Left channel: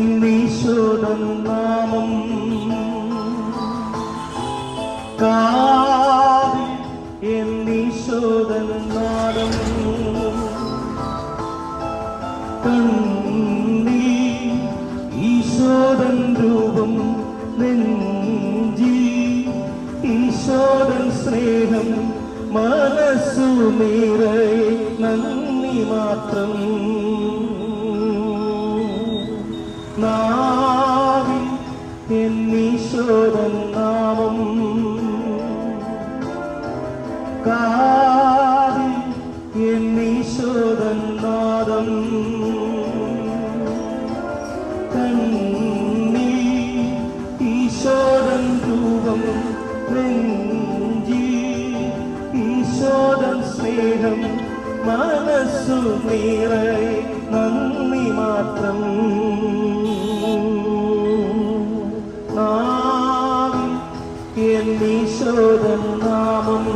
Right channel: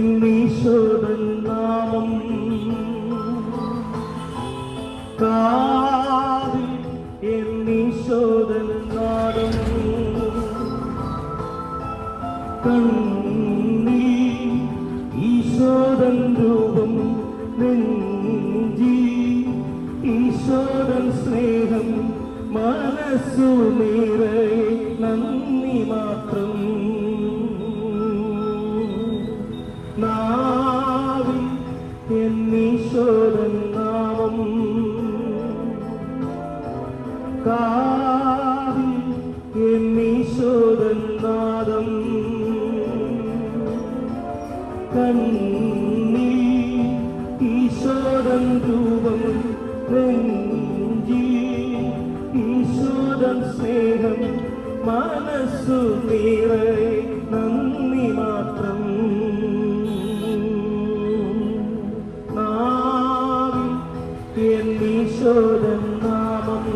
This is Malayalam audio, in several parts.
എന്നീശോദൻ നാമം കാതിൽ എന്നീശോദൻ നാദം ഈശോദൻ രൂപം നെഞ്ചി ഈശോദൻ സ്നേഹം മനസ്സു നിറയെ നന്ദി മാത്രം നാവിൽ എന്നീശോദൻ നാമം കാതിൽ എന്നീശോദൻ നാദം കണ്ണിൽ ഈശോദൻ രൂപം നെഞ്ചി ഈശോദൻ സ്നേഹം മനസ്സു നിറയെ നന്ദി മാത്രം നാവിൽ എന്നീശോദൻ നാമം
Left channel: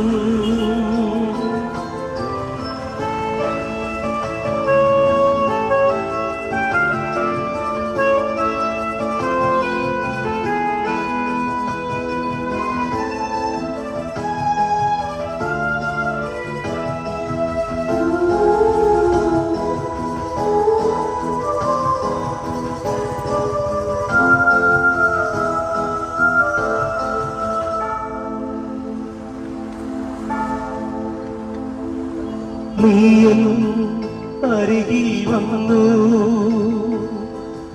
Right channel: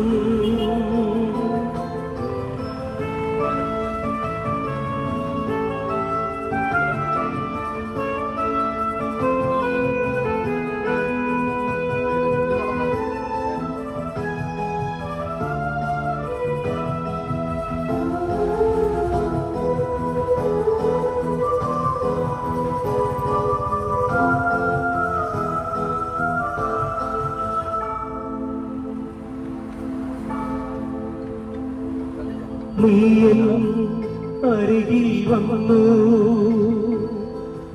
നീയും അരികിൽ വന്നു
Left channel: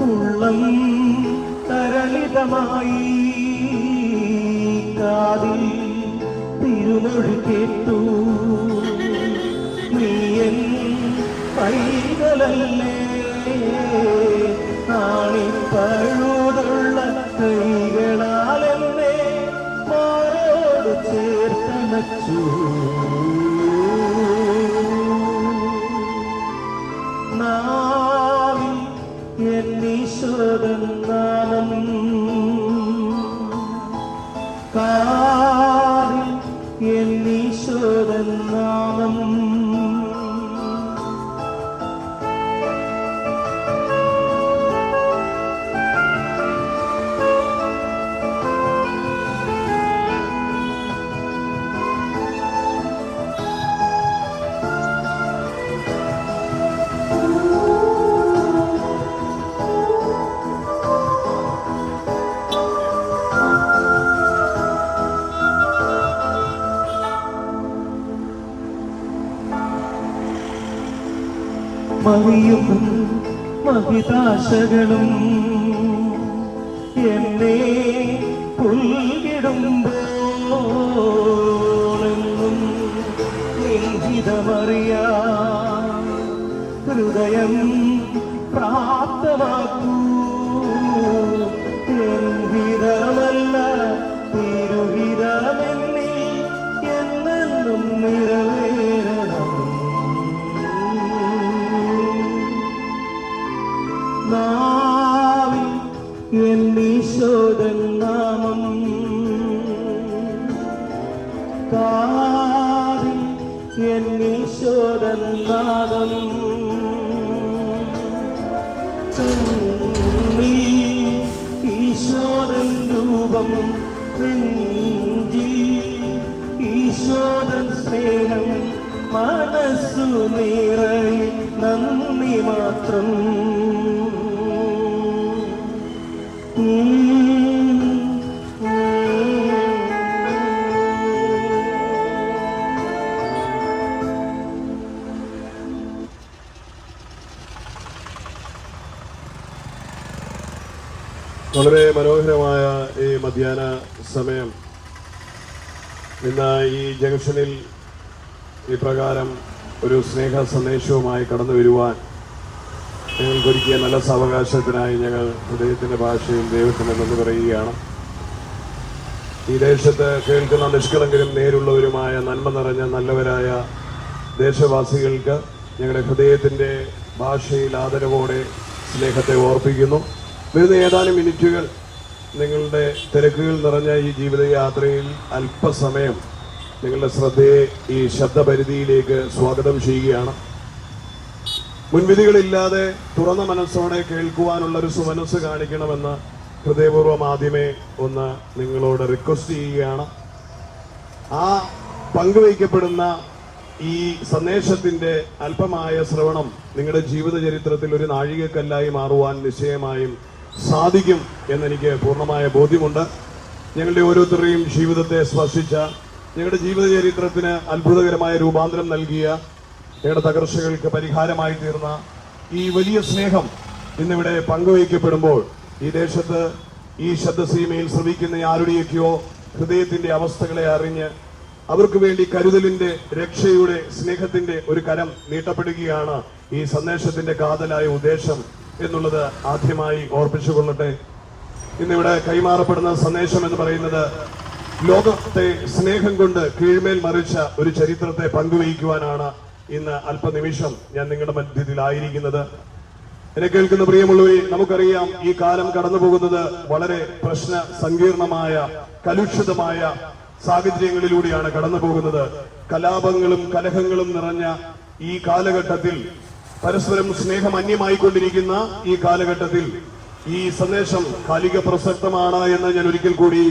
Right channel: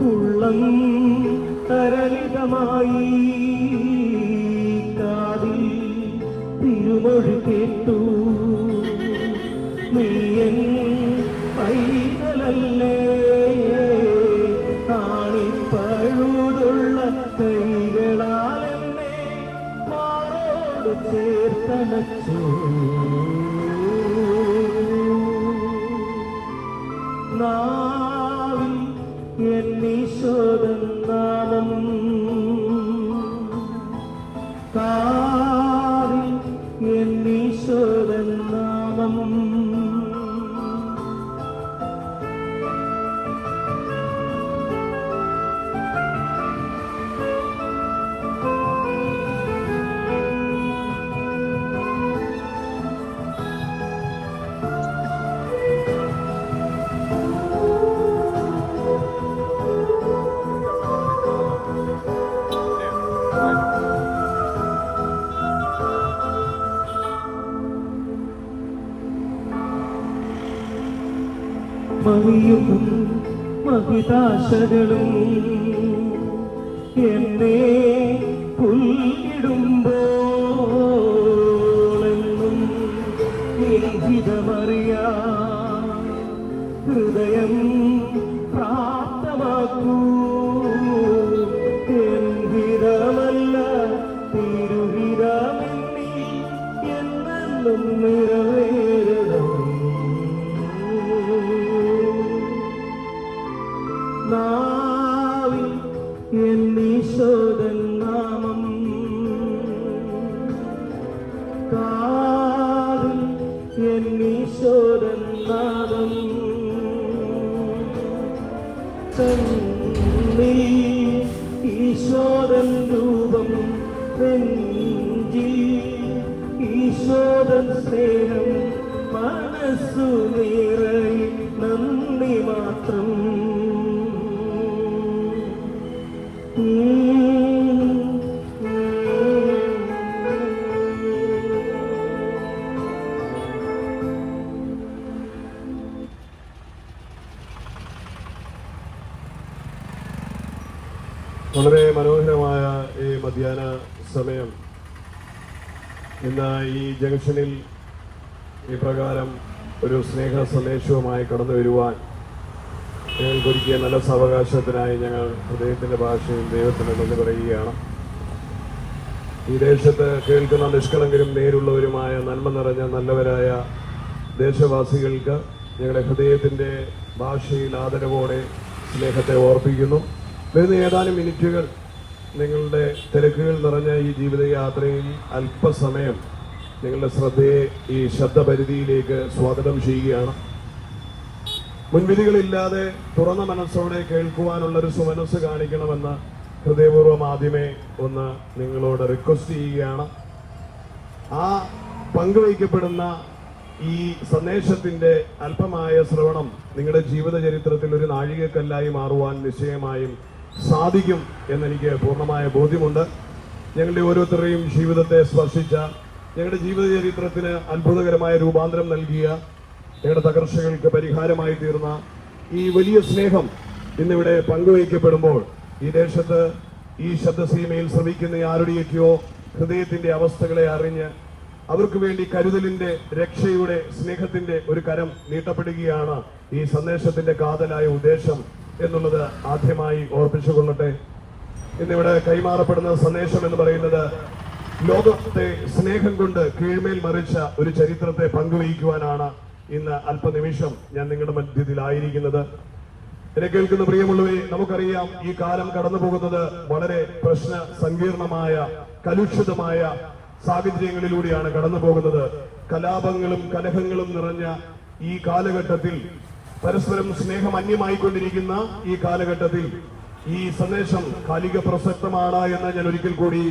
ഉള്ളം തരളിതമായി കാതിൽ തിരുമൊഴി കേട്ടു നീയൻ പൈതലല്ലേ ആണിപ്പഴുതുള്ള കൈകളാൽ എന്നെ മാറോട് ചേർത്തണച്ചു നാവിൽ എന്നീശോദൻ നാമം കാതിൽ എന്നീശോദൻ നാമം മഹിയും മഹിതാശകളും എന്നെ പുൽകിടുമ്പോളെന്നും നീഹിതമറിയാ ഹൃദയം പ്രാപ്തമാക്കൂ എന്ഹിതമല്ല തിരുഹിതമെന്നിൽ എന്നെന്നും നിറവേരണം നാവിൽ എന്നീശോദൻ നാമം കാതിൽ എന്നീശോദൻ നാദം കണ്ണിൽ ഈശോദൻ രൂപം നെഞ്ചി ഈശോദൻ സ്നേഹം മനസ്സു നിറയെ നന്ദി മാത്രം വളരെ മനോഹരമായ ഈ മധ്യാഹ്ന സമയം ഇന്ന് ഈ ജംഗ്ഷനിൽ ഈ പ്രകാരം ഒരു സ്നേഹ സന്ദേശവുമായി കടന്നു വരുവാൻ ഞങ്ങൾക്കൊരുക്കിയ നല്ല സാവകാശത്തിനായി ഞങ്ങൾ ഹൃദയത്തിൻ്റെ ഭാഷയിൽ ദൈവത്തിന് നന്ദി പറയുകയാണ്. ഈ ദേശത്ത് കേൾക്കുന്ന നിഷ്കളങ്കരും നേരുള്ളവരുമായ നന്മ നിറഞ്ഞ നല്ലവരായ ദേശവാസികൾക്ക് ഞങ്ങളുടെ ഹൃദയത്തിൻ്റെ ഭാഷയിൽ ആദരവോടെ സ്നേഹത്തെ ഓർപ്പിക്കുന്നു. വരുന്ന ഏതാനും മിനിറ്റുകൾ നിങ്ങളുടെ തിരക്കുകൾ നിറഞ്ഞ ഈ ജീവിതയാത്രയിൽ അല്പസമയം നിങ്ങളുടെ ശ്രദ്ധയെ ഈ ശബ്ദപരിധിയിലേക്ക് സ്വാഗതം ചെയ്യുകയാണ്. മുൻവിധികളില്ലാതെ തുറന്ന മനസ്സോടെ കേൾക്കുവാനുള്ള ഒരു സുമനസ് കാണിക്കണമെന്ന് ഹൃദയപൂർവ്വം ആദ്യമേ ഒന്ന് നിങ്ങളോട് റിക്വസ്റ്റ് ചെയ്യുകയാണ്. ആ പങ്കുവയ്ക്കപ്പെടുന്ന ഈ സന്ദേശത്തിന്റെ അല്പമായ ശ്രവണം നിങ്ങളുടെ ജീവിത ചരിത്രത്തിൽ ഒരു നാഴികക്കല്ലായി മാറുവാൻ നിശ്ചയമായും സാധിക്കും എന്നെനിക്ക് പൂർണ്ണമായ ബോധ്യമുണ്ട്. ഞങ്ങളുടെ ഓരോരുത്തരുടെയും ജീവിതത്തെ സ്പർശിച്ച, ഞങ്ങളുടെ ജീവിത ചരിത്രത്തിന് അത്ഭുതകരമായ രൂപാന്തരം നൽകിയ, ഞങ്ങളുടെ തകർച്ചകൾക്ക് പരിഹാരമായി തീർന്ന ഈ വലിയ സ്നേഹം ഇന്നിവിടെ പങ്കുവയ്ക്കപ്പെടുമ്പോൾ ഈ ദേശത്ത് ഈ ശബ്ദസീമയിൽ ശ്രമിക്കുന്ന ആരുടെയൊക്കെയോ ഹൃദയത്തിന്റെ അവസ്ഥകളെ അറിഞ്ഞ് അവർക്ക് വേണ്ടി കരുതലിന്റെ, രക്ഷയുടെ, സ്നേഹത്തിന്റെ ഒരു കരം നീട്ടപ്പെടുകയാണ് ഈ സന്ദേശത്തിന്റെ കാതലായ ഉദ്ദേശം എന്നുള്ളത് ആദ്യമായി ഓർപ്പിച്ചുകൊള്ളട്ടെ. ഇന്നിവിടെ കൈമാറപ്പെടുന്ന സന്ദേശം എന്ന് പറയുന്നത് ലോകത്തെ സ്നേഹം കൊണ്ട് കീഴ്മേൽ മറിച്ച ഒരു ചരിത്രത്തെ പങ്കുവയ്ക്കുവാനാണ് ഇന്ന് അല്പനിമിഷം ഞാൻ നിങ്ങളുടെ മധ്യത്തിലായിരിക്കുന്നത്. എന്നെ കേൾക്കുന്ന പ്രിയമുള്ളവരെ, നമുക്കറിയാം ഈ കാലം കടന്നു പോകുന്നത് വളരെ പ്രശ്ന സങ്കീർണമായ, കലുഷിതമായ സാഹചര്യങ്ങളിലൂടെയാണ് കടന്നു പോകുന്നത്. കലാപങ്ങളും കലഹങ്ങളും നിറഞ്ഞ ഈ കാലഘട്ടത്തിൽ, പരസ്പരം സ്നേഹം അന്യമായിക്കൊണ്ടിരിക്കുന്ന ഈ കാലഘട്ടത്തിൽ ഈ സന്ദേശം കാലിക പ്രസക്തമാണ് എന്ന് ഞാൻ ഒരിക്കൽ കൂടി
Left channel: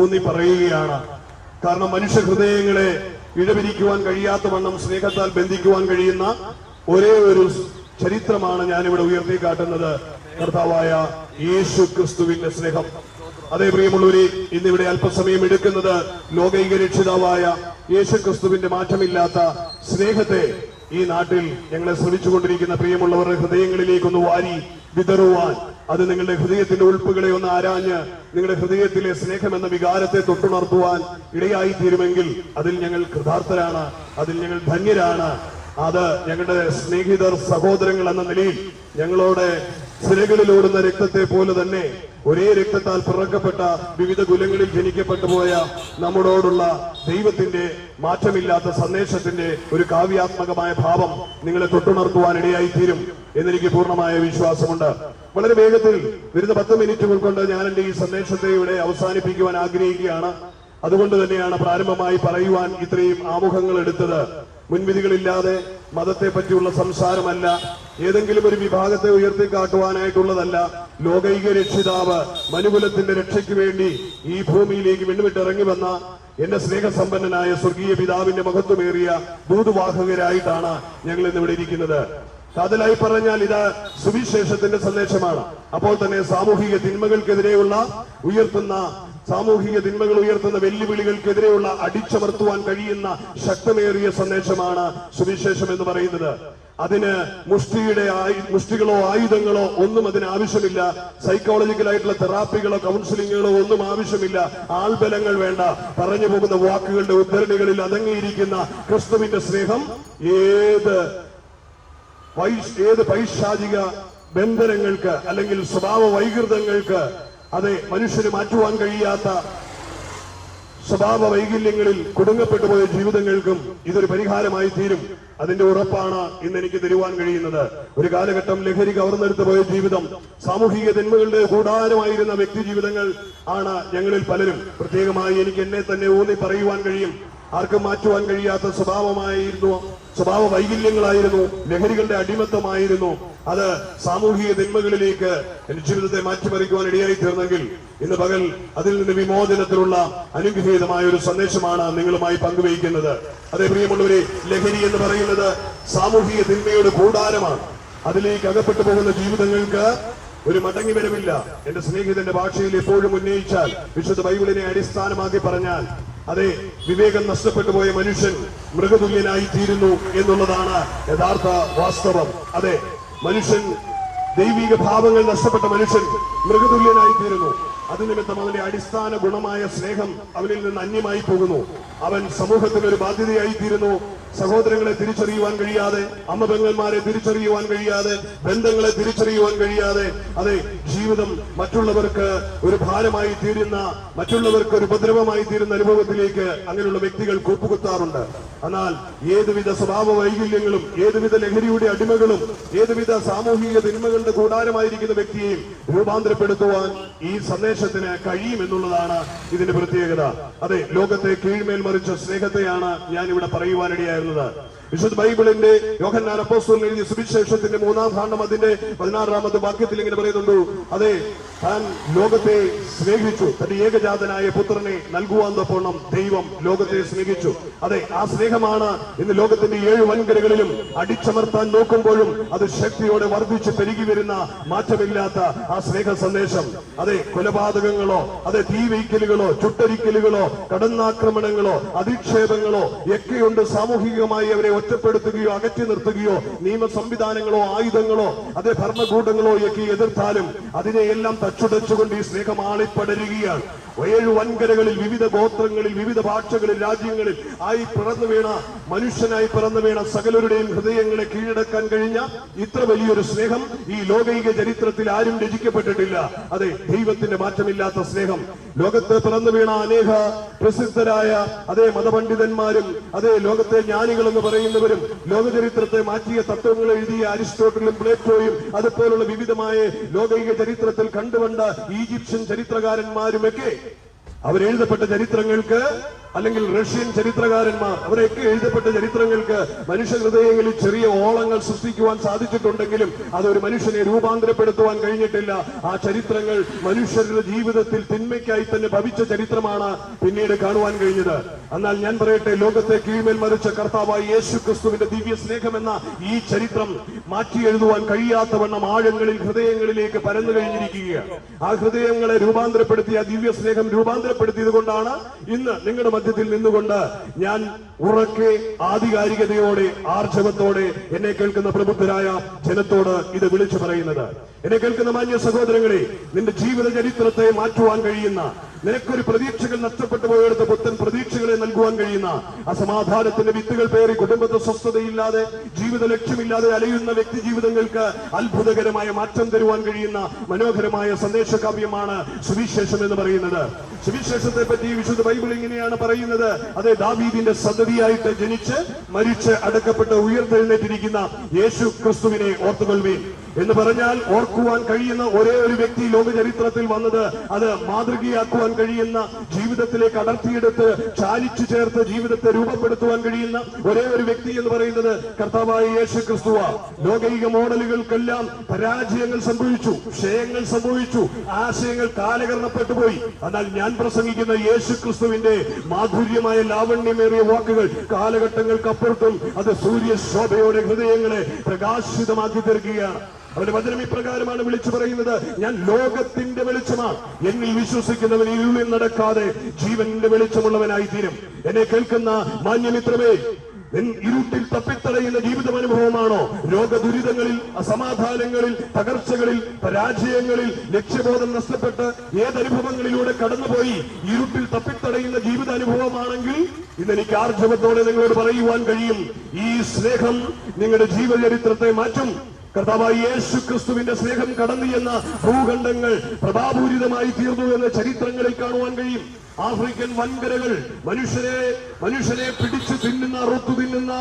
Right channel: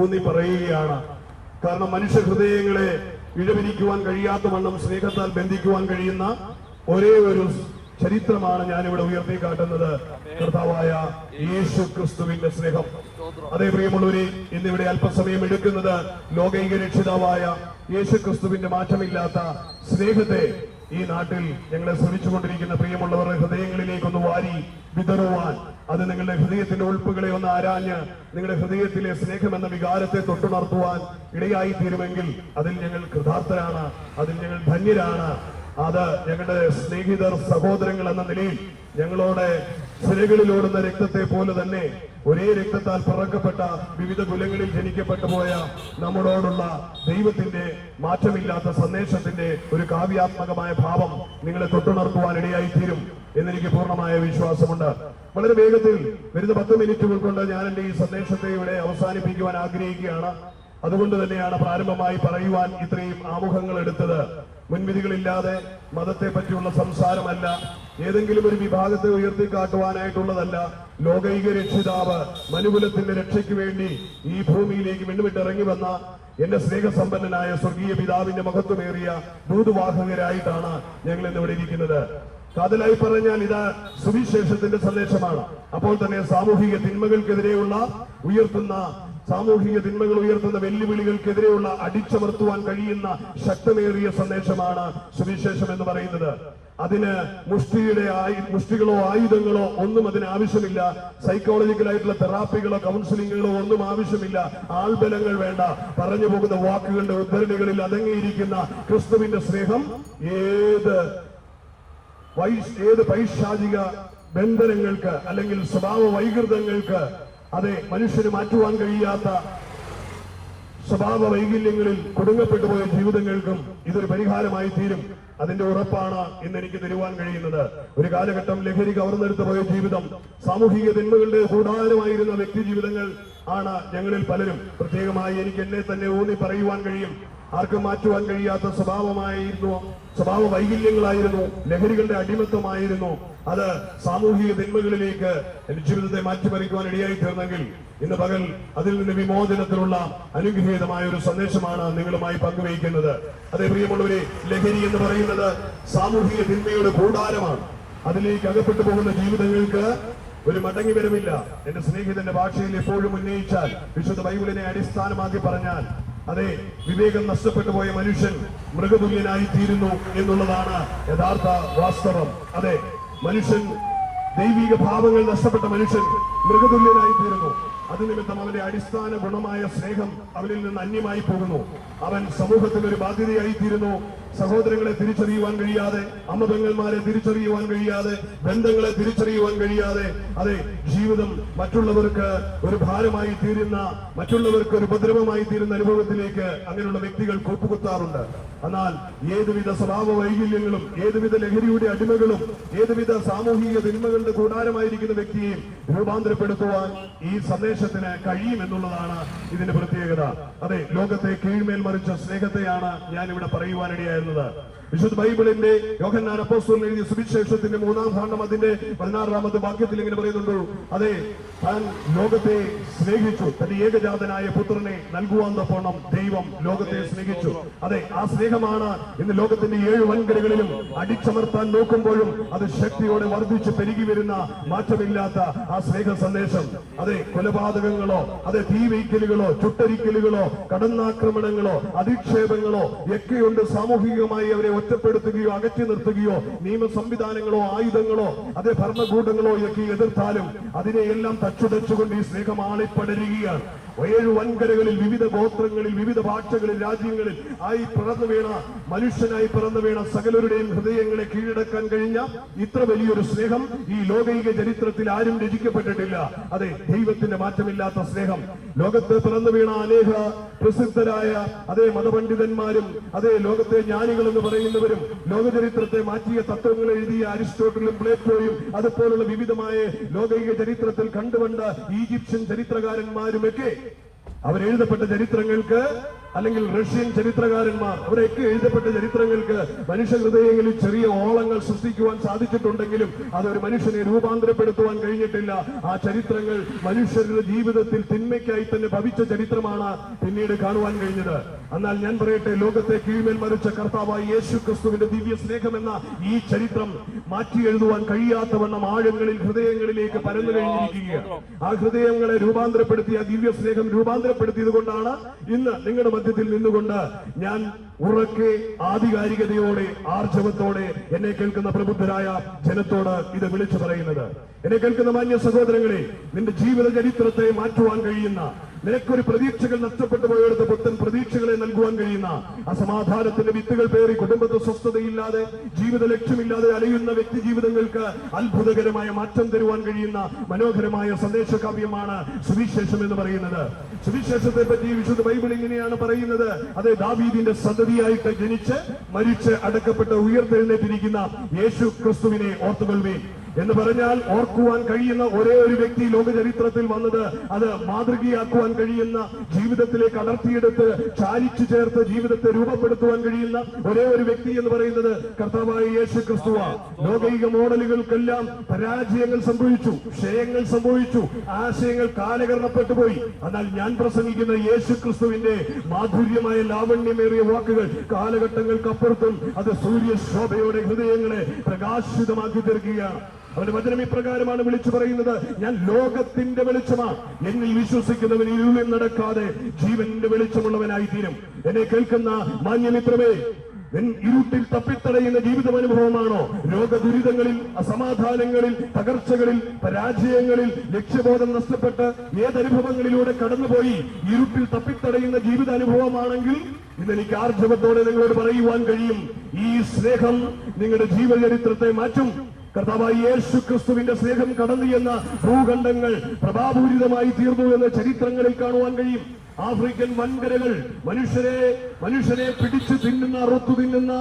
ഊന്നി പറയുകയാണ്. കാരണം മനുഷ്യ ഹൃദയങ്ങളെ ഇഴപിരിക്കുവാൻ കഴിയാത്ത വണ്ണം സ്നേഹത്താൽ ബന്ധിക്കുവാൻ കഴിയുന്ന ഒരേ ഒരു ചരിത്രമാണ് ഞാനിവിടെ ഉയർത്തിക്കാട്ടുന്നത്, കർത്താവായ യേശു ക്രിസ്തുവിന്റെ സ്നേഹം. അതേ പ്രിയമുള്ളവരെ, ഇന്നിവിടെ അല്പസമയം എടുക്കുന്നത് ലോകൈക രക്ഷിതാവായ യേശു ക്രിസ്തുവിന്റെ മാറ്റമില്ലാത്ത സ്നേഹത്തെ ഈ നാട്ടിൽ ഞങ്ങളെ ശ്രമിച്ചുകൊണ്ടിരിക്കുന്ന പ്രിയമുള്ളവരുടെ ഹൃദയങ്ങളിലേക്കൊന്ന് വാരി വിതറുവാൻ, അത് നിങ്ങളുടെ ഹൃദയത്തിന്റെ ഉൾപ്പുകളെ ഒന്ന് ആരാഞ്ഞ് നിങ്ങളുടെ ഹൃദയത്തിലെ സ്നേഹം എന്ന വികാരത്തെ തൊട്ടുണർത്തുവാൻ ഇടയായി തീരുമെങ്കിൽ അതിൽ ഞങ്ങൾ കൃതാർത്ഥരാണ്, അതിൽ ഞങ്ങൾ ധന്യരാണ്. അത് ഞങ്ങളുടെ സ്നേഹിതർ, സഹോദരങ്ങൾ എന്ന നിലയിൽ ഞങ്ങളോട് സിരകളിലോടുന്ന രക്തത്തെ പോലെ തന്നെ ഒരേ രക്തത്താൽ പിറക്കപ്പെട്ട വിവിധ കുലങ്ങളിൽ ജനിക്കപ്പെട്ടു പോയ നമ്മളോടുള്ള ദൈവത്തിന്റെ മാറ്റമില്ലാത്ത സന്ദേശത്തിന്റെ ഒരു കാവ്യാത്മകമായ ഭാവം നിങ്ങളെ തൊട്ടുണർത്തുവാൻ ഇടയായി തീരും എന്നെനിക്ക് പൂർണ്ണമായ വിശ്വാസമുണ്ട്. വളരെ വേഗത്തിൽ വരുന്ന 10 മിനിറ്റുകൾ കൊണ്ട് ഞാൻ എന്റെ ഈ സന്ദേശത്തെ ഇവിടെ അവസാനിപ്പിക്കുവാൻ ആഗ്രഹിക്കുകയാണ്. അതുകൊണ്ട് തന്നെയാണ് പ്രാരംഭമായി പറയുവാൻ ഇത്രയും ആമുഖങ്ങൾ എടുത്തത്. മുൻവിധികളില്ലാതെ മതത്തെ പറ്റിയുള്ള സംസാരമല്ല, ഏതെങ്കിലും ഒരു വിഭാഗത്തെ ഉയർത്തിക്കാട്ടുവാനായിട്ടുള്ളതല്ല. ലോകൈക രക്ഷിതാവ് മനുകുലത്തിന്റെ രക്ഷയ്ക്ക് വേണ്ടി ഈ ഭൂമിയിലേക്ക് വിണ്ണുവിട്ടിറങ്ങി വന്ന എന്റെ സ്നേഹസമ്പന്നനായ സ്വർഗീയ പിതാവിന്റെ മഹത്വമേറിയ ദൂതുവാഹകരായിട്ടാണ് ഞങ്ങൾ ഇന്നിവിടെ ഇരിക്കുന്നത്. കാതലായി പറഞ്ഞാൽ ഇത് സുവിശേഷത്തിന്റെ സന്ദേശമാണ്. അപ്പോൾ തന്നെ സാമൂഹിക തിന്മകൾക്കെതിരെയുള്ള സാമൂഹിക തിന്മകൾ ഉയർത്തുന്ന വെല്ലുവിളികൾക്കെതിരെയുള്ള അടിച്ചമർത്തുവാൻ കഴിയുന്ന ശക്തമേറിയ സന്ദേശമാണ് സുവിശേഷം എന്ന് പറയുന്നത്. അതിന് മുഷ്ടികളോ ആയുധങ്ങളോ ഒന്നും അതിന് ആവശ്യമില്ല. സൈക്കോളജിക്കലായിട്ടുള്ള തെറാപ്പികളോ കൗൺസിലിങ്ങുകളോ ഒന്നും ആവശ്യമില്ല. ആൾബലങ്ങൾ വേണ്ട. പറഞ്ഞു പോകുന്ന വാക്കുകളുടെ ഉദ്ധരണികളിൽ അടങ്ങിയിരിക്കുന്ന ക്രിസ്തുവിന്റെ സ്നേഹം ഏത് പൈശാചിക ബന്ധനങ്ങൾക്ക് അല്ലെങ്കിൽ സ്വഭാവ വൈകൃതങ്ങൾക്ക്, അതെ മനുഷ്യന് മാറ്റുവാൻ കഴിയാത്ത സ്വഭാവ വൈകല്യങ്ങളിൽ കുടുങ്ങപ്പെട്ടു പോയ ജീവിതങ്ങൾക്കും ഇതൊരു പരിഹാരമായി തീരും. അതിന്റെ ഉറപ്പാണ് ഇന്ന് എനിക്ക് തരുവാൻ കഴിയുന്നത്. ഒരു കാലഘട്ടം ലഹരി കവർന്നെടുത്ത് പോയ ജീവിതം, സാമൂഹിക തിന്മകളുടെ കൂടാരമായിരുന്ന വ്യക്തി ജീവിതങ്ങൾ ആണ് ഞങ്ങളിൽ പലരും. പ്രത്യേകമായി എനിക്ക് എന്നെ തന്നെ ഊന്നി പറയുവാൻ കഴിയും. ആർക്കും മാറ്റുവാൻ കഴിയാത്ത സ്വഭാവ വൈകല്യങ്ങളായിരുന്നു, ലഹരികളുടെ അടിമത്തമായിരുന്നു. അത് സാമൂഹിക തിന്മകളിലേക്ക് എന്റെ ജീവിതത്തെ മാറ്റിമറിക്കുവാൻ ഇടയായി തീർന്നെങ്കിൽ ഇന്ന് പകൽ അതിൽ നിന്ന് വിമോചനത്തിലുള്ള അനുഗ്രഹീതമായ ഒരു സന്ദേശമാണ് നിങ്ങളുമായി പങ്കുവയ്ക്കുന്നത്. അതേ പ്രിയമുള്ളവരെ, ലഹരി എന്ന് പറയുന്നത് സാമൂഹിക തിന്മയുടെ കൂടാരമാണ്. അതിലേക്ക് അകപ്പെട്ടു പോകുന്ന ജീവിതങ്ങൾക്ക് ഒരു മടങ്ങി വരവില്ല. എന്റെ സ്നേഹിതന്റെ ഭാഷയിൽ എപ്പോഴും ഉന്നയിച്ചാൽ, വിശുദ്ധ ബൈബിളിനെ അടിസ്ഥാനമാക്കി പറഞ്ഞാൽ, അതെ വിവേകം നഷ്ടപ്പെട്ടു പോയ മനുഷ്യൻ മൃഗതുല്യനായി തീരുന്നു എന്നുള്ളതാണ് യഥാർത്ഥ വാസ്തവം. അതെ, മനുഷ്യൻ, ദൈവിക ഭാവങ്ങൾ നഷ്ടപ്പെട്ട മനുഷ്യൻ മൃഗതുല്യനായി തീരുന്നു. അത് നിമിത്തം അവന്റെ അടിസ്ഥാന ഗുണമായ സ്നേഹം അവനിൽ നിന്ന് അന്യമായി പോകുന്നു. അവൻ സമൂഹത്തിന് ഒരു ബാധ്യതയായി തീരുന്നു. സഹോദരങ്ങളെ തിരിച്ചറിയുവാൻ കഴിയാതെ, അമ്മപെങ്ങന്മാരെ തിരിച്ചറിയുവാൻ കഴിയാതെ, ബന്ധങ്ങളെ തിരിച്ചറിയുവാൻ കഴിയാതെ, അതെ ജീവിതം മറ്റുള്ളവർക്ക് ഒരു ഭാരമായി തീരുന്ന, മറ്റുള്ളവർക്ക് ഒരു ഉപദ്രവമായി തീരുന്ന അനുഭവത്തിലേക്ക് അങ്ങനെയുള്ള വ്യക്തികൾ കൂപ്പുകുത്താറുണ്ട്. എന്നാൽ ഏതുവിധ സ്വഭാവ വൈകല്യങ്ങളും, ഏതുവിധ ലഹരിയുടെ അടിമകളും, ഏതുവിധ സാമൂഹിക തിന്മകളുടെ കൂടാരമായിരിക്കുന്ന വ്യക്തിയെയും രൂപാന്തരപ്പെടുത്തുവാൻ ഈ സന്ദേശത്തിന് കഴിയുമെന്നുള്ളതാണ് ഇതിന്റെ പ്രത്യേകത. അതെ, ലോകത്തെ കീഴ്മേൽ മറിച്ച സ്നേഹത്തെയാണ് ഞാൻ ഇവിടെ പറയുവാനിടയായിരുന്നത്. വിശുദ്ധ ബൈബിളിന്റെ യോഹന്നാൻ അപ്പോസ്തലൻ എഴുതിയ സുവിശേഷത്തിന്റെ 3-ാം ഖണ്ഡം അതിന്റെ 16-ാമത്തെ വാക്യത്തിൽ ഇങ്ങനെ പറയുന്നുണ്ട്, അതെ, താൻ ലോകത്തെ സ്നേഹിച്ചു, തന്റെ ഏകജാതനായ പുത്രനെ നൽകുവാൻ തക്കവണ്ണം ദൈവം ലോകത്തെ സ്നേഹിച്ചു. അതെ, ആ സ്നേഹമാണ് ഇന്ന് ലോകത്തിന്റെ 7 വൻകരകളിലും അടിച്ചമർത്താൻ നോക്കുമ്പോഴും അത് ശക്തിയോടെ വർദ്ധിച്ച് പെരുകി വരുന്ന മാറ്റമില്ലാത്ത ആ സ്നേഹ സന്ദേശം. അതെ, കൊലപാതകങ്ങളോ, അതെ, തീവയ്ക്കലുകളോ, ചുട്ടരിക്കലുകളോ, കടന്നാക്രമണങ്ങളോ, അധിക്ഷേപങ്ങളോ ഒക്കെയുണ്ട്. സാമൂഹികമായി അവരെ ഒറ്റപ്പെടുത്തുകയോ അകറ്റി നിർത്തുകയോ നിയമ സംവിധാനങ്ങളോ ആയുധങ്ങളോ അതേ ഭരണകൂടങ്ങളോ ഒക്കെ എതിർത്താലും അതിനെയെല്ലാം തച്ചുടച്ചുകൊണ്ട് ഈ സ്നേഹം ആളിപ്പടരുകയാണ്. 7 വൻകരകളിൽ, വിവിധ ഗോത്രങ്ങളിൽ, വിവിധ ഭാഷകളിൽ, രാജ്യങ്ങളിൽ ആയി പിറന്നു വീണ, മനുഷ്യനായി പിറന്നു വീണ സകലരുടെയും ഹൃദയങ്ങളെ കീഴടക്കാൻ കഴിഞ്ഞ ഇത്ര വലിയൊരു സ്നേഹം ഈ ലോകൈക ചരിത്രത്തിൽ ആരും രചിക്കപ്പെട്ടിട്ടില്ല. അതെ, ദൈവത്തിന്റെ മാറ്റമില്ലാത്ത സ്നേഹം. ലോകത്ത് പിറന്നു വീണ അനേക പ്രസിദ്ധരായ അതേ മതപണ്ഡിതന്മാരും അതേ ലോകത്തെ ജ്ഞാനികളെന്ന് പറയുന്നവരും ലോകചരിത്രത്തെ മാറ്റിയ തത്വങ്ങൾ എഴുതിയ അരിസ്റ്റോട്ടലും പ്ലേറ്റോയും അതുപോലുള്ള വിവിധമായ ലോകൈക ചരിത്രത്തിൽ കണ്ടുവണ്ട ഈജിപ്ഷ്യൻ ചരിത്രകാരന്മാരുമൊക്കെ അവരെഴുതപ്പെട്ട ചരിത്രങ്ങൾക്ക്, അല്ലെങ്കിൽ റഷ്യൻ ചരിത്രകാരന്മാർ, അവരൊക്കെ എഴുതപ്പെട്ട ചരിത്രങ്ങൾക്ക് മനുഷ്യ ഹൃദയങ്ങളിൽ ചെറിയ ഓളങ്ങൾ സൃഷ്ടിക്കുവാൻ സാധിച്ചിട്ടുണ്ടെങ്കിലും അതൊരു മനുഷ്യനെ രൂപാന്തരപ്പെടുത്തുവാൻ കഴിഞ്ഞിട്ടില്ല. ആ ചരിത്രങ്ങൾ മനുഷ്യരുടെ ജീവിതത്തിൽ തിന്മയ്ക്കായി തന്നെ ഭവിച്ച ചരിത്രമാണ് പിന്നീട് കാണുവാൻ കഴിഞ്ഞത്. എന്നാൽ ഞാൻ പറയട്ടെ, ലോകത്തെ കീഴ്മേൽ മറിച്ച കർത്താവായ യേശു ക്രിസ്തുവിന്റെ ദിവ്യ സ്നേഹമെന്ന ഈ ചരിത്രം മാറ്റി എഴുതുവാൻ കഴിയാത്തവണ്ണം ആഴങ്ങളിൽ ഹൃദയങ്ങളിലേക്ക് പരന്നു കഴിഞ്ഞിരിക്കുകയാണ്. ആ ഹൃദയങ്ങളെ രൂപാന്തരപ്പെടുത്തിയ ദിവ്യ സ്നേഹം രൂപാന്തരപ്പെടുത്തിയത് കൊണ്ടാണ് ഇന്ന് നിങ്ങളുടെ മധ്യത്തിൽ നിന്നുകൊണ്ട് ഞാൻ ഉറക്കെ ആധികാരികതയോടെ ആർജവത്തോടെ എന്നെ കേൾക്കുന്ന പ്രബുദ്ധരായ ജനത്തോട് ഇത് വിളിച്ചു പറയുന്നത്. എന്നെ കേൾക്കുന്ന മാന്യ സഹോദരങ്ങളെ, നിന്റെ ജീവിത ചരിത്രത്തെ മാറ്റുവാൻ കഴിയുന്ന, നിനക്കൊരു പ്രതീക്ഷകൾ നഷ്ടപ്പെട്ടു പോയെടുത്ത് പുത്തൻ പ്രതീക്ഷകളെ നൽകുവാൻ കഴിയുന്ന, അസമാധാനത്തിന്റെ വിത്തുകൾ പേറി കുടുംബത്തെ സ്വസ്ഥതയില്ലാതെ ജീവിത ലക്ഷ്യമില്ലാതെ അലയുന്ന വ്യക്തി ജീവിതങ്ങൾക്ക് അത്ഭുതകരമായ മാറ്റം തരുവാൻ കഴിയുന്ന മനോഹരമായ സന്ദേശകാവ്യമാണ് സുവിശേഷം എന്ന് പറയുന്നത്. സുവിശേഷത്തെ പറ്റി വിശുദ്ധ ബൈബിൾ ഇങ്ങനെയാണ് പറയുന്നത്, അതെ, ദാവീദിന്റെ സന്തതിയായിട്ട് ജനിച്ച് മരിച്ച് അടക്കപ്പെട്ട് ഉയർത്തെഴുന്നേറ്റിരിക്കുന്ന യേശു ക്രിസ്തുവിനെ ഓർത്തുകൊള്ളുവീൻ എന്ന് പറഞ്ഞാൽ ഓർക്കുവാൻ കഴിയുന്ന ഒരേ ഒരു വ്യക്തി ലോക ചരിത്രത്തിൽ വന്നത്, അത് മാതൃകയാക്കുവാൻ കഴിയുന്ന, ജീവിതത്തിലേക്ക് അടർത്തിയെടുത്ത് ചാലിച്ചു ചേർത്ത് ജീവിതത്തെ രൂപപ്പെടുത്തുവാൻ കഴിയുന്ന ഒരേ ഒരു വ്യക്തി എന്ന് പറയുന്നത് കർത്താവായ യേശു ക്രിസ്തുവ. ലോകൈക മോഡലുകൾക്കെല്ലാം പരാജയങ്ങൾ സംഭവിച്ചു, ക്ഷയങ്ങൾ സംഭവിച്ചു, ആശയങ്ങൾ കാലകരണപ്പെട്ടുപോയി. എന്നാൽ ഞാൻ പ്രസംഗിക്കുന്ന യേശു ക്രിസ്തുവിന്റെ മാധുര്യമായ ലാവണ്യമേറിയ വാക്കുകൾ കാലഘട്ടങ്ങൾക്കപ്പുറത്തും അത് സൂര്യശോഭയോടെ ഹൃദയങ്ങളെ പ്രകാശിതമാക്കി തീർക്കുകയാണ്. അവന്റെ വചനം ഇപ്രകാരമാണ് വിളിച്ചു പറയുന്നത്, ഞാൻ ലോകത്തിന്റെ വെളിച്ചമാണ്, എന്നിൽ വിശ്വസിക്കുന്നവൻ ഇരുളിൽ നടക്കാതെ ജീവന്റെ വെളിച്ചമുള്ളവനായി തീരും. എന്നെ കേൾക്കുന്ന മാന്യമിത്രമേ, ഇരുട്ടിൽ തപ്പിത്തടയുന്ന ജീവിതമനുഭവമാണോ? രോഗദുരിതങ്ങളിൽ, അസമാധാനങ്ങളിൽ, തകർച്ചകളിൽ, പരാജയങ്ങളിൽ, ലക്ഷ്യബോധം നഷ്ടപ്പെട്ട് ഏതനുഭവങ്ങളിലൂടെ കടന്നുപോയി ഇരുട്ടിൽ തപ്പിത്തടയുന്ന ജീവിതാനുഭവമാണെങ്കിൽ ഇന്ന് എനിക്ക് ആർജവത്തോടെ നിങ്ങളോട് പറയുവാൻ കഴിയും, ഈ സ്നേഹം നിങ്ങളുടെ ജീവചരിത്രത്തെ മാറ്റും. കർത്താവായ യേശു ക്രിസ്തുവിന്റെ സ്നേഹം കടന്നു എന്ന ഭൂഖണ്ഡങ്ങൾ പ്രഭാപൂരിതമായി തീർന്നു എന്ന് ചരിത്രങ്ങളിൽ കാണുവാൻ കഴിയും. ആഫ്രിക്കൻ വൻകരകൾ മനുഷ്യരെ പിടിച്ചു തിന്നുന്ന, അറുത്തു തിന്നുന്ന